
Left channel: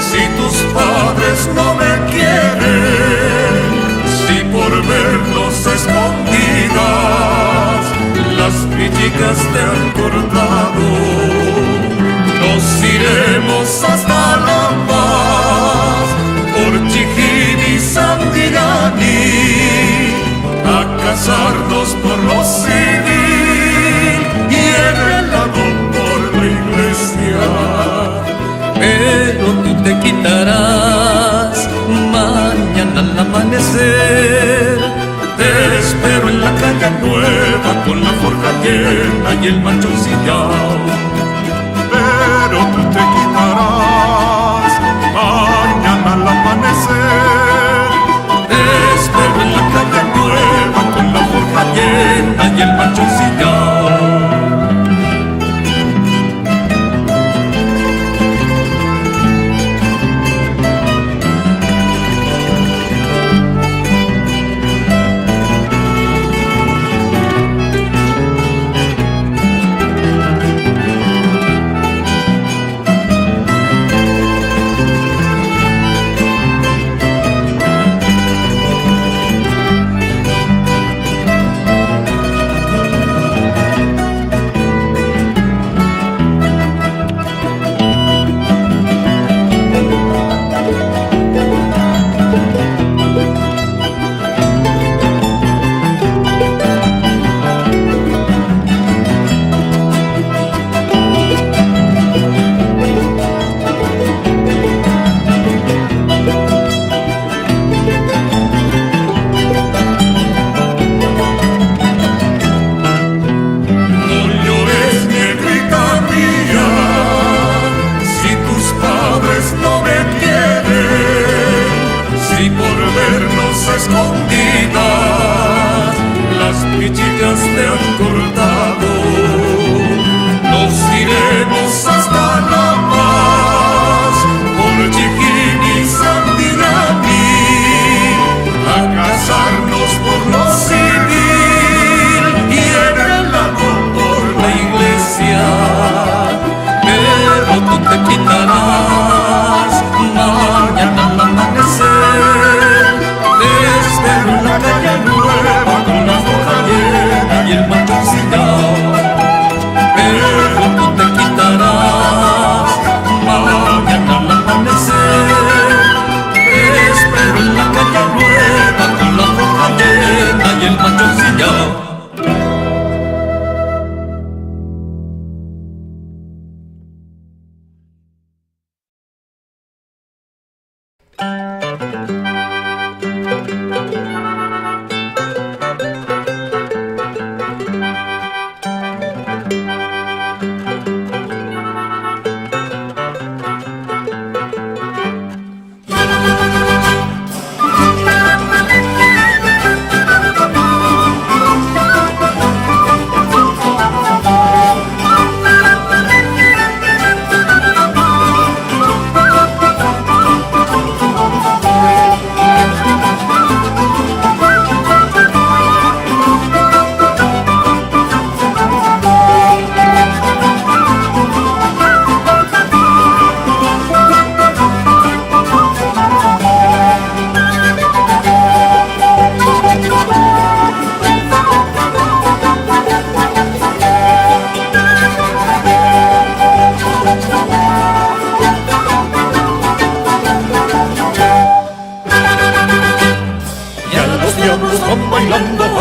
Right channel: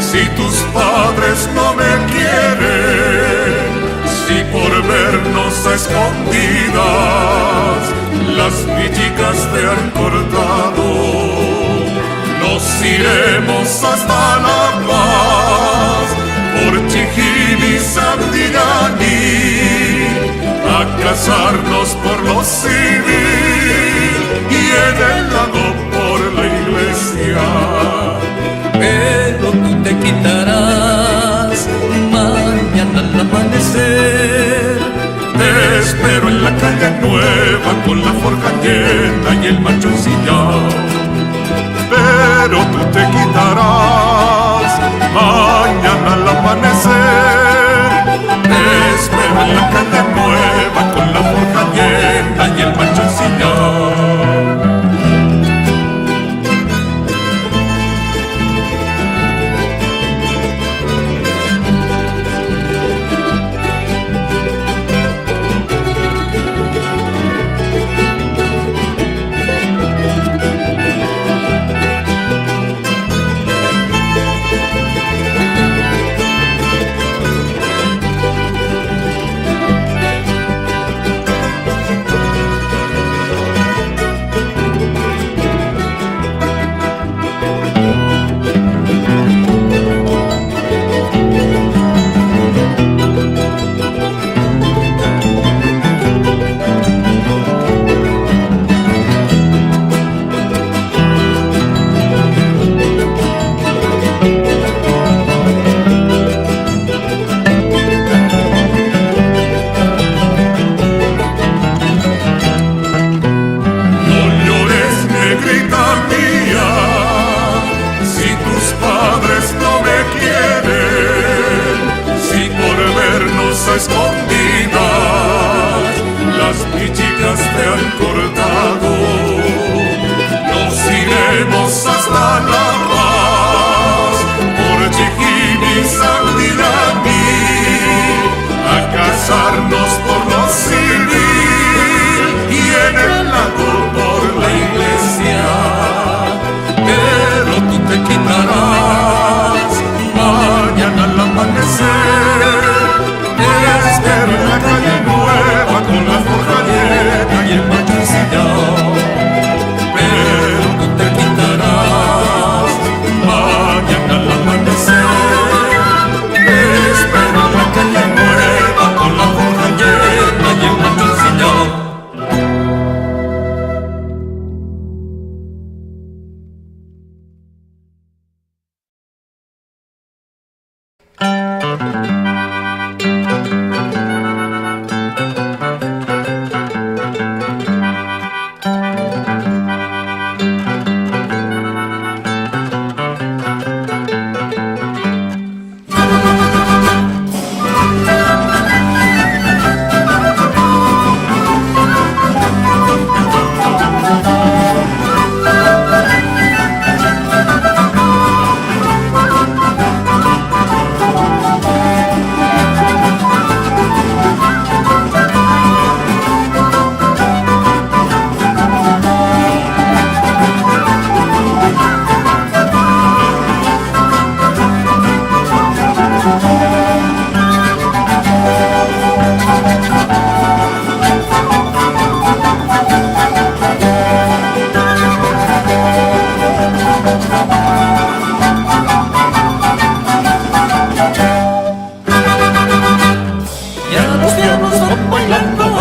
si tus padres no me quieren, si por vernos a escondidas las villicas te han cortado, nos iremos hasta La Paz, por Chijimi, Sandillani, a casarnos por lo civil y en el lago por la iglesia. Pero tú te quitarás al amanecer. Te espero en la calle nueva con la forja llena y el macho sillao. Pero tú te quitarás mañana al amanecer. Te espero en la calle nueva con la forja llena y el macho sillao. No me quieren, si por vernos a escondidas las pichicas te han cortado. Nos iremos hasta La Paz por Chiquín y Sandiraní a casarnos por lo civil y en el lago por la iglesia. Pero tú te quitarás mañana al amanecer. Te espero en la calle nueva con la forja llena y el macho ensillado. Pero tú te quitarás mañana al amanecer. Te espero en la calle nueva con la forja llena y el macho ensillado.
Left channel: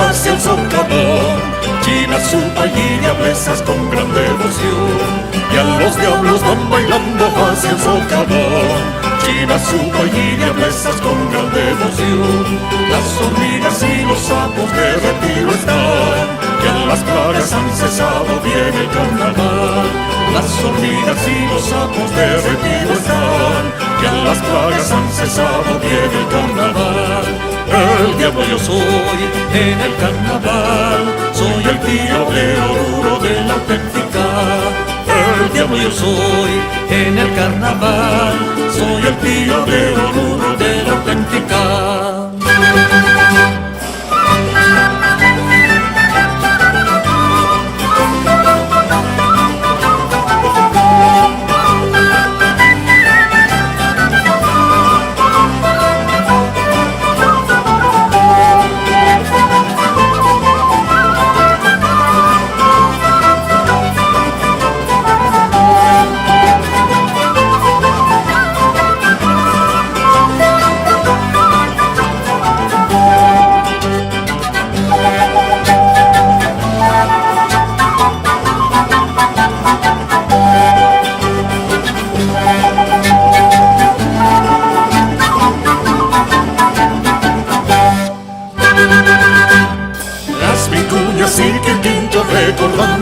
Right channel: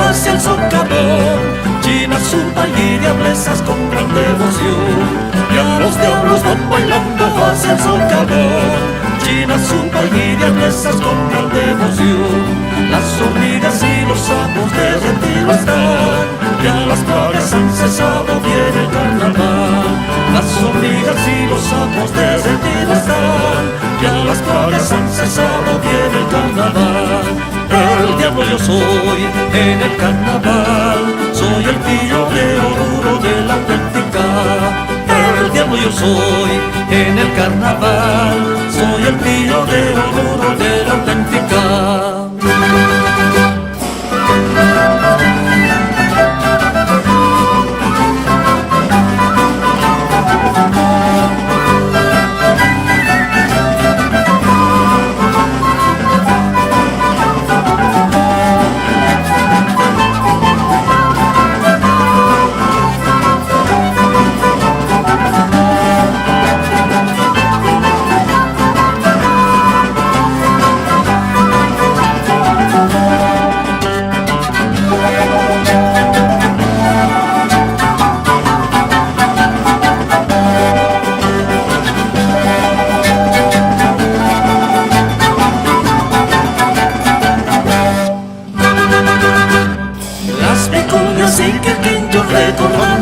hacia el socavón, China, Zumba y diablesas con gran devoción. Y a los diablos van bailando hacia el socavón, China, Zumba y diablesas con gran devoción. Las hormigas y los sapos de retiro están, ya las plagas han cesado, viene el carnaval. Las hormigas y los sapos de retiro están, ya las plagas han cesado, viene el carnaval. El diablo yo soy en el carnaval, soy el tío de Oruro de la auténtica. El diablo yo soy en el carnaval, soy el tío de Oruro de la auténtica.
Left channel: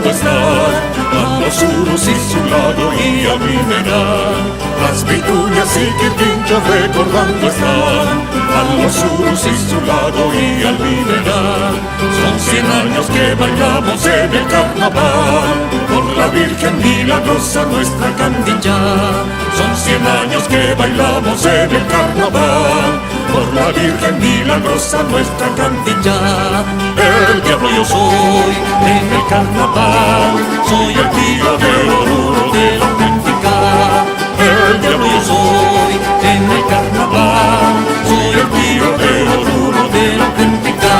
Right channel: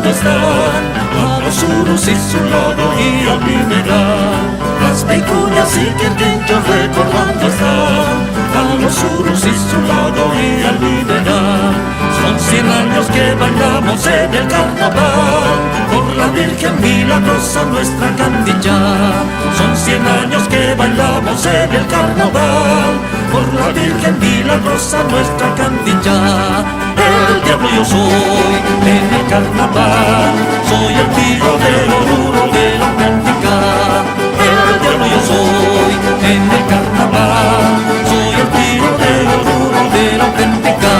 recordando están a los Urus y su lago y al mineral. Las vicuñas y quirquinchos recordando están a los Urus y su lago y al mineral. Son 100 años que bailamos en el carnaval por la Virgen Milagrosa, nuestra Candilla. Son 100 años que bailamos en el carnaval por la Virgen Milagrosa, nuestra Candilla. El diablo yo soy en el carnaval, soy el tío de Oruro de la auténtica. El diablo yo soy en el carnaval, soy el tío de Oruro de la auténtica.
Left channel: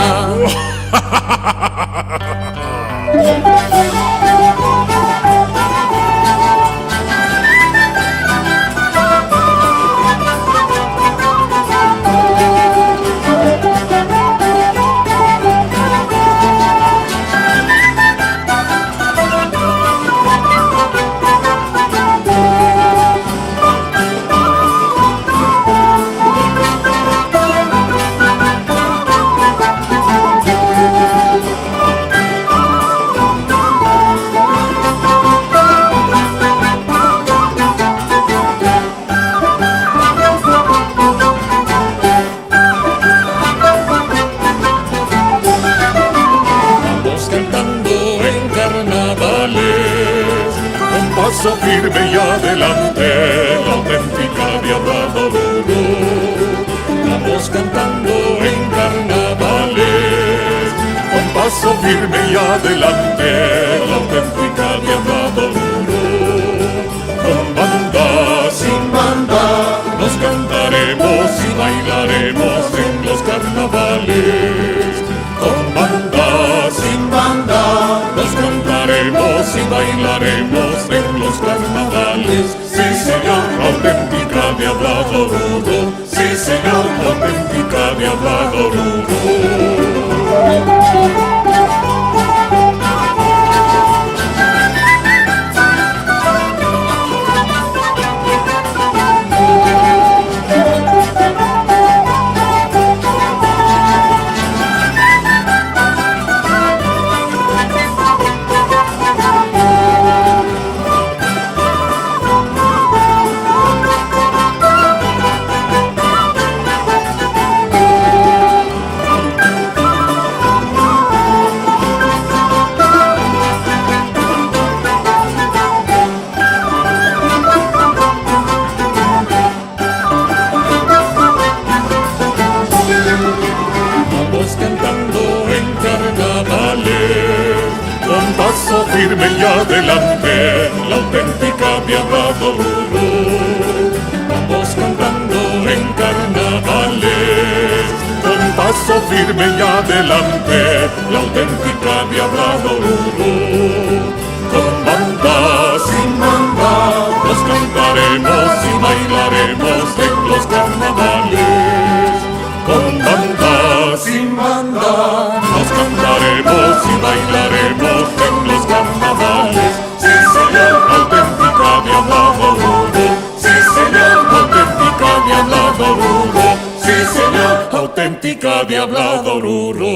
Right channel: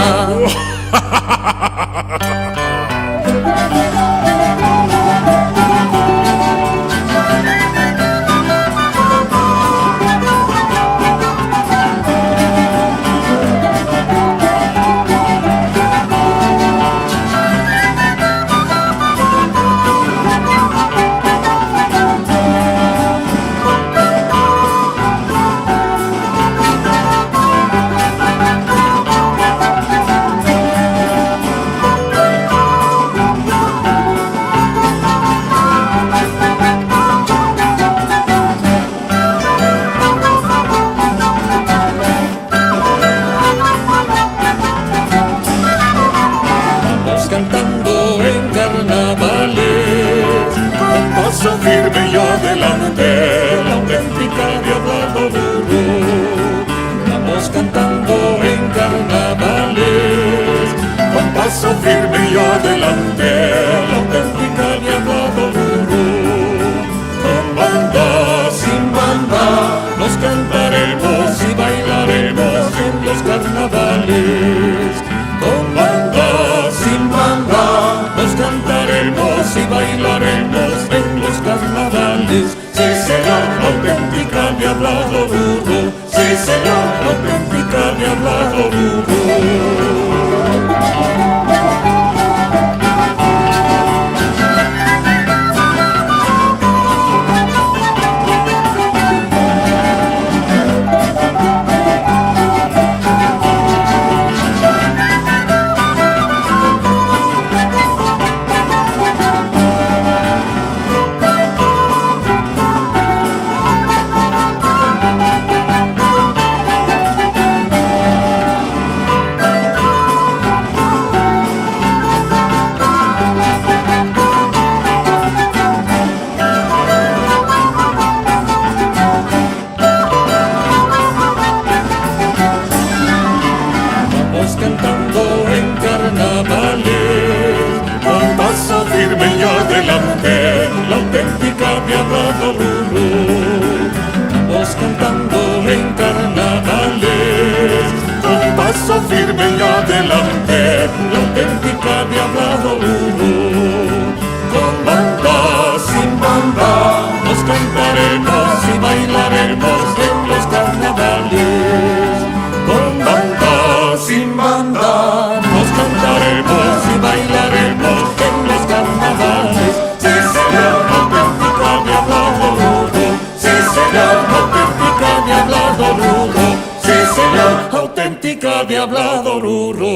Paso firme y adelante, la auténtica diabla de Oruro. Vamos cantando en carnavales, con paso firme y adelante, la auténtica diabla de Oruro. Con banda, sin banda, nos cantaremos y bailaremos en los carnavales. Con banda, sin banda, nos cantaremos y bailaremos en los carnavales. Sí, señor, auténtica diabla de Oruro. Sí, señor, auténtica diabla de Oruro. Con paso firme y adelante, la auténtica diabla de Oruro. Vamos cantando en carnavales, con paso firme y adelante, la auténtica diabla de Oruro. Con banda, sin banda, nos cantaremos y bailaremos en los carnavales. Con banda, sin banda, nos cantaremos y bailaremos en los carnavales. Sí, señor, auténtica diabla de Oruro. Sí, señor, auténtica diabla de Oruro. Sí, señor, auténtica diabla de Oruro.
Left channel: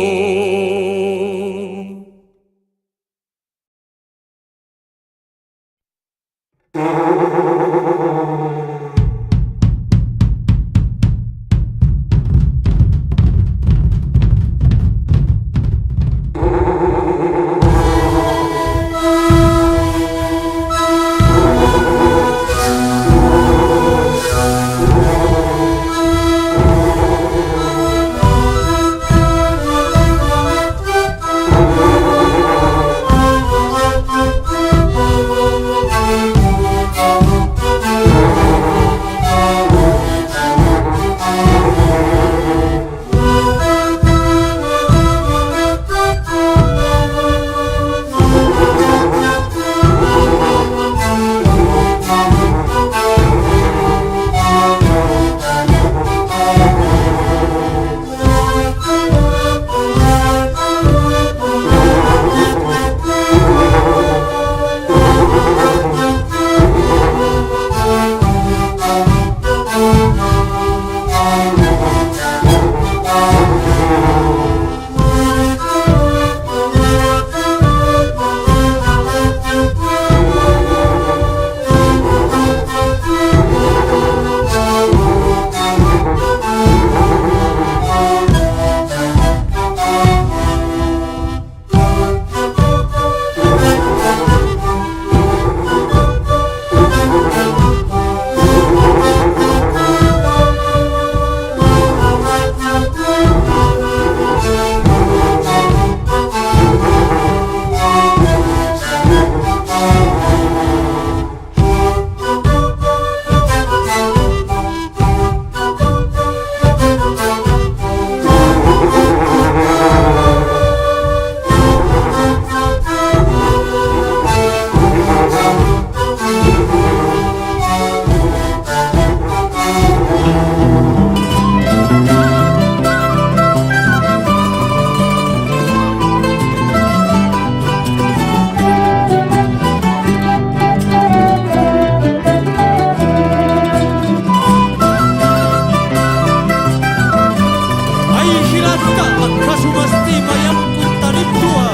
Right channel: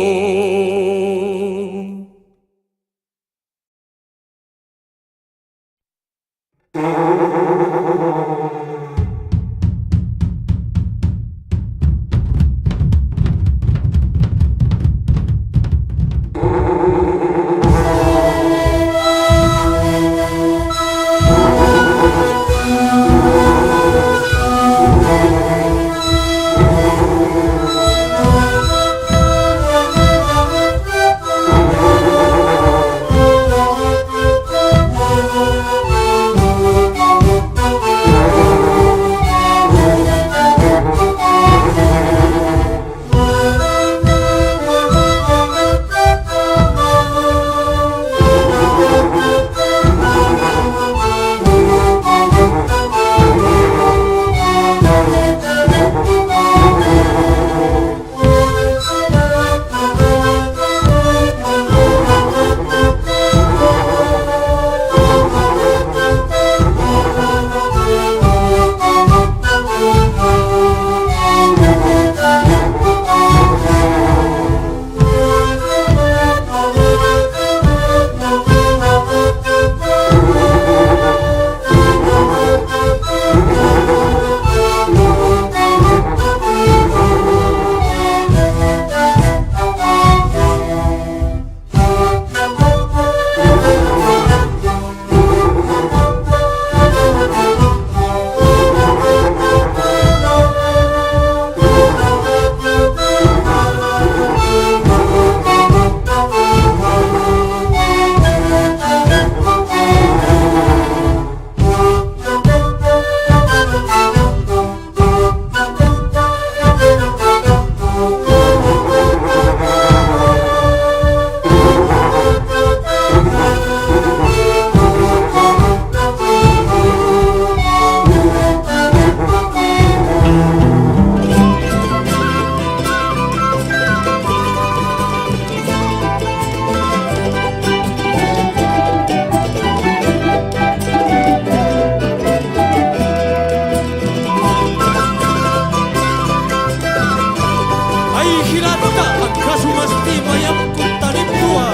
Anta akasu mastima yang kuntanip tua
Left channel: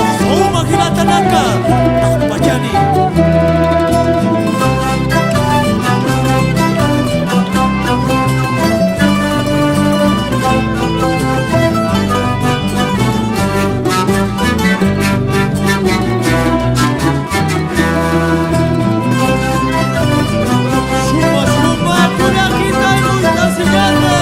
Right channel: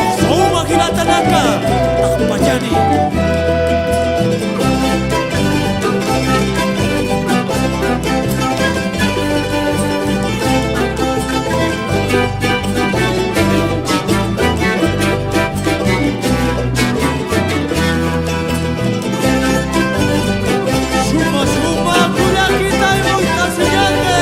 Oksau magilatanaka takpajani Suma-suma kuda kita ibu ita senyate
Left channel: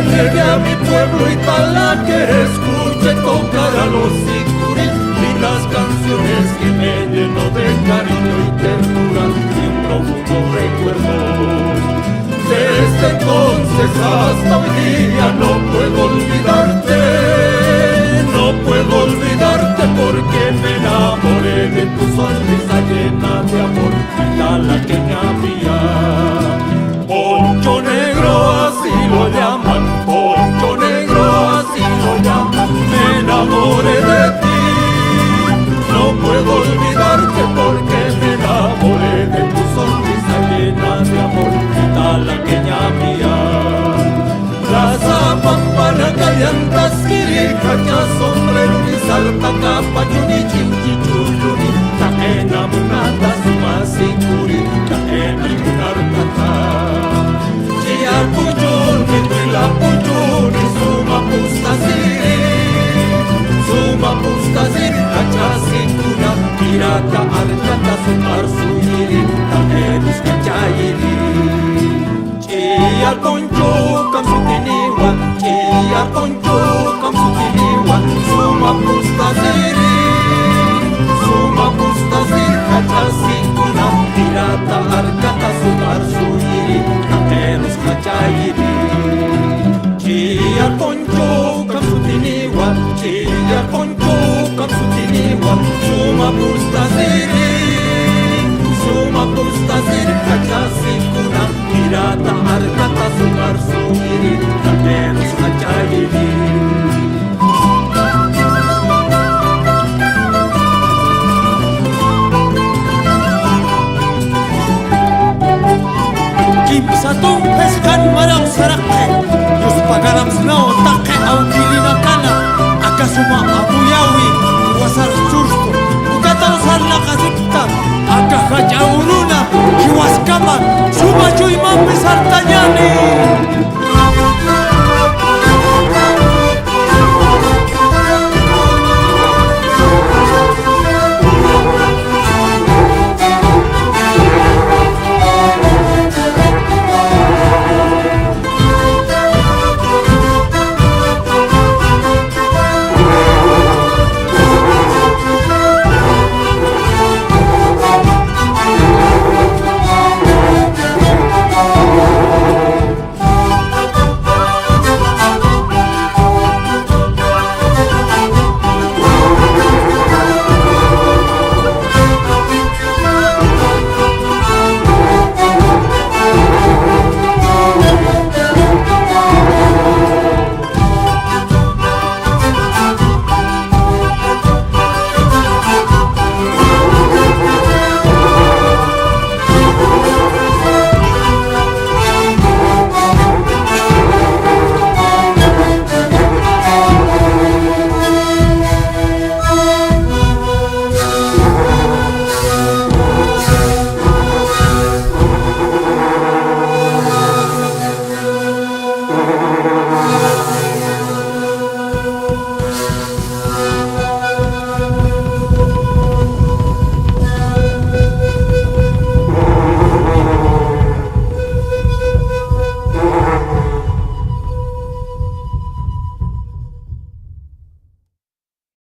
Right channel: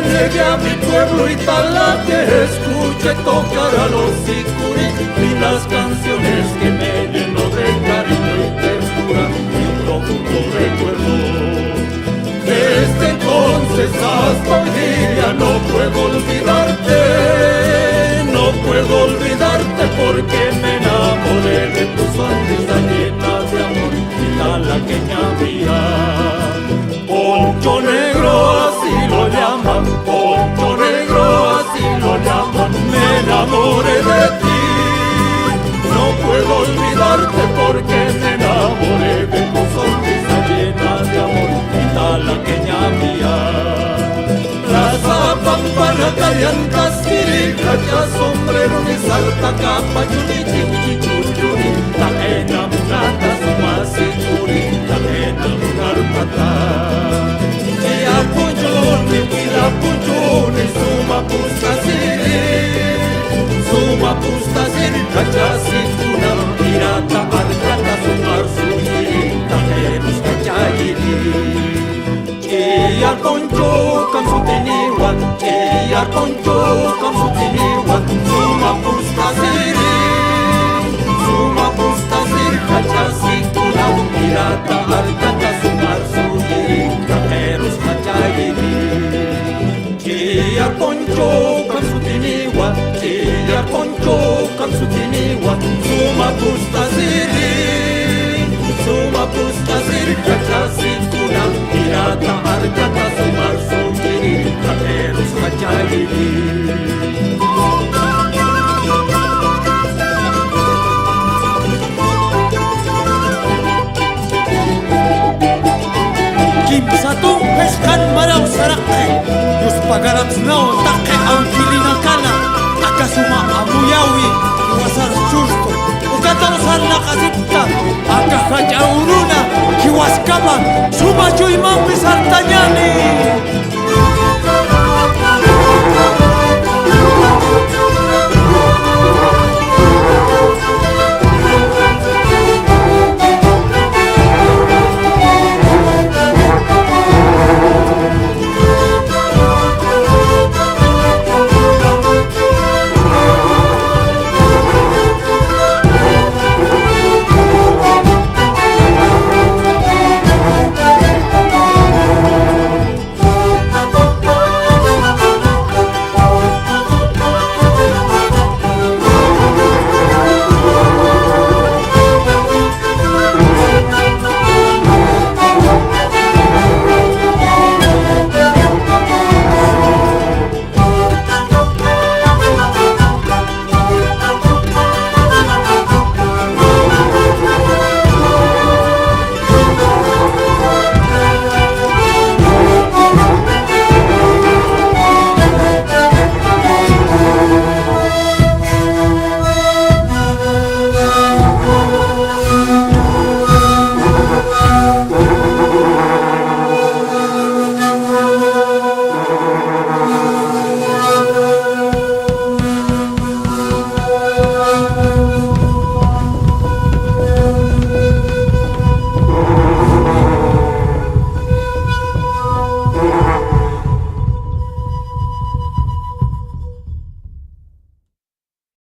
Llegué a mi pueblo Italaque, escuché tocar a los sicuris, lindas canciones que me llenó de cariño y ternura y un profundo recuerdo. Desde entonces hasta hoy día no puedo olvidarte porque me enamoré de tu sonrisa llena de amor, italaqueña mía. Poncho negro así lo llaman, poncho negro así lo llaman, me enamoré de ti. No puedo olvidarte porque me enamoré de tu sonrisa llena de amor, italaqueña mía. Plaza Pampana, Callantas, Quiricacha, sombrero ni salta, capa, chuni, chiuchichuyuni, taena munata, sumasikuri, taena munartata. Chiar pujuni, wila pujuni, suma pustaziri, kachasikuna, pirata, arkata, sumar suyiri, taenus kachayiri. Chiar poncho kam sutiniwa, chiar poncho kam sutiniwa, suma pustaziri, hachasikuna, pirata arkata sumar suyiri, takeros hachayiri. Chiar poncho kam sutiniwa, chiar poncho kam sutiniwa, suma pustaziri hachasikuna, pirata arkata sumar suyiri, takeros hachayiri. Kimsatong peskan maraw sarake Yus pagaram snaw take au kilinakana Akasuma amuyawi iwasar chursto Ukataw sar nakasipta Akahachauruna kiwaskama Suma chuy mampi sartañani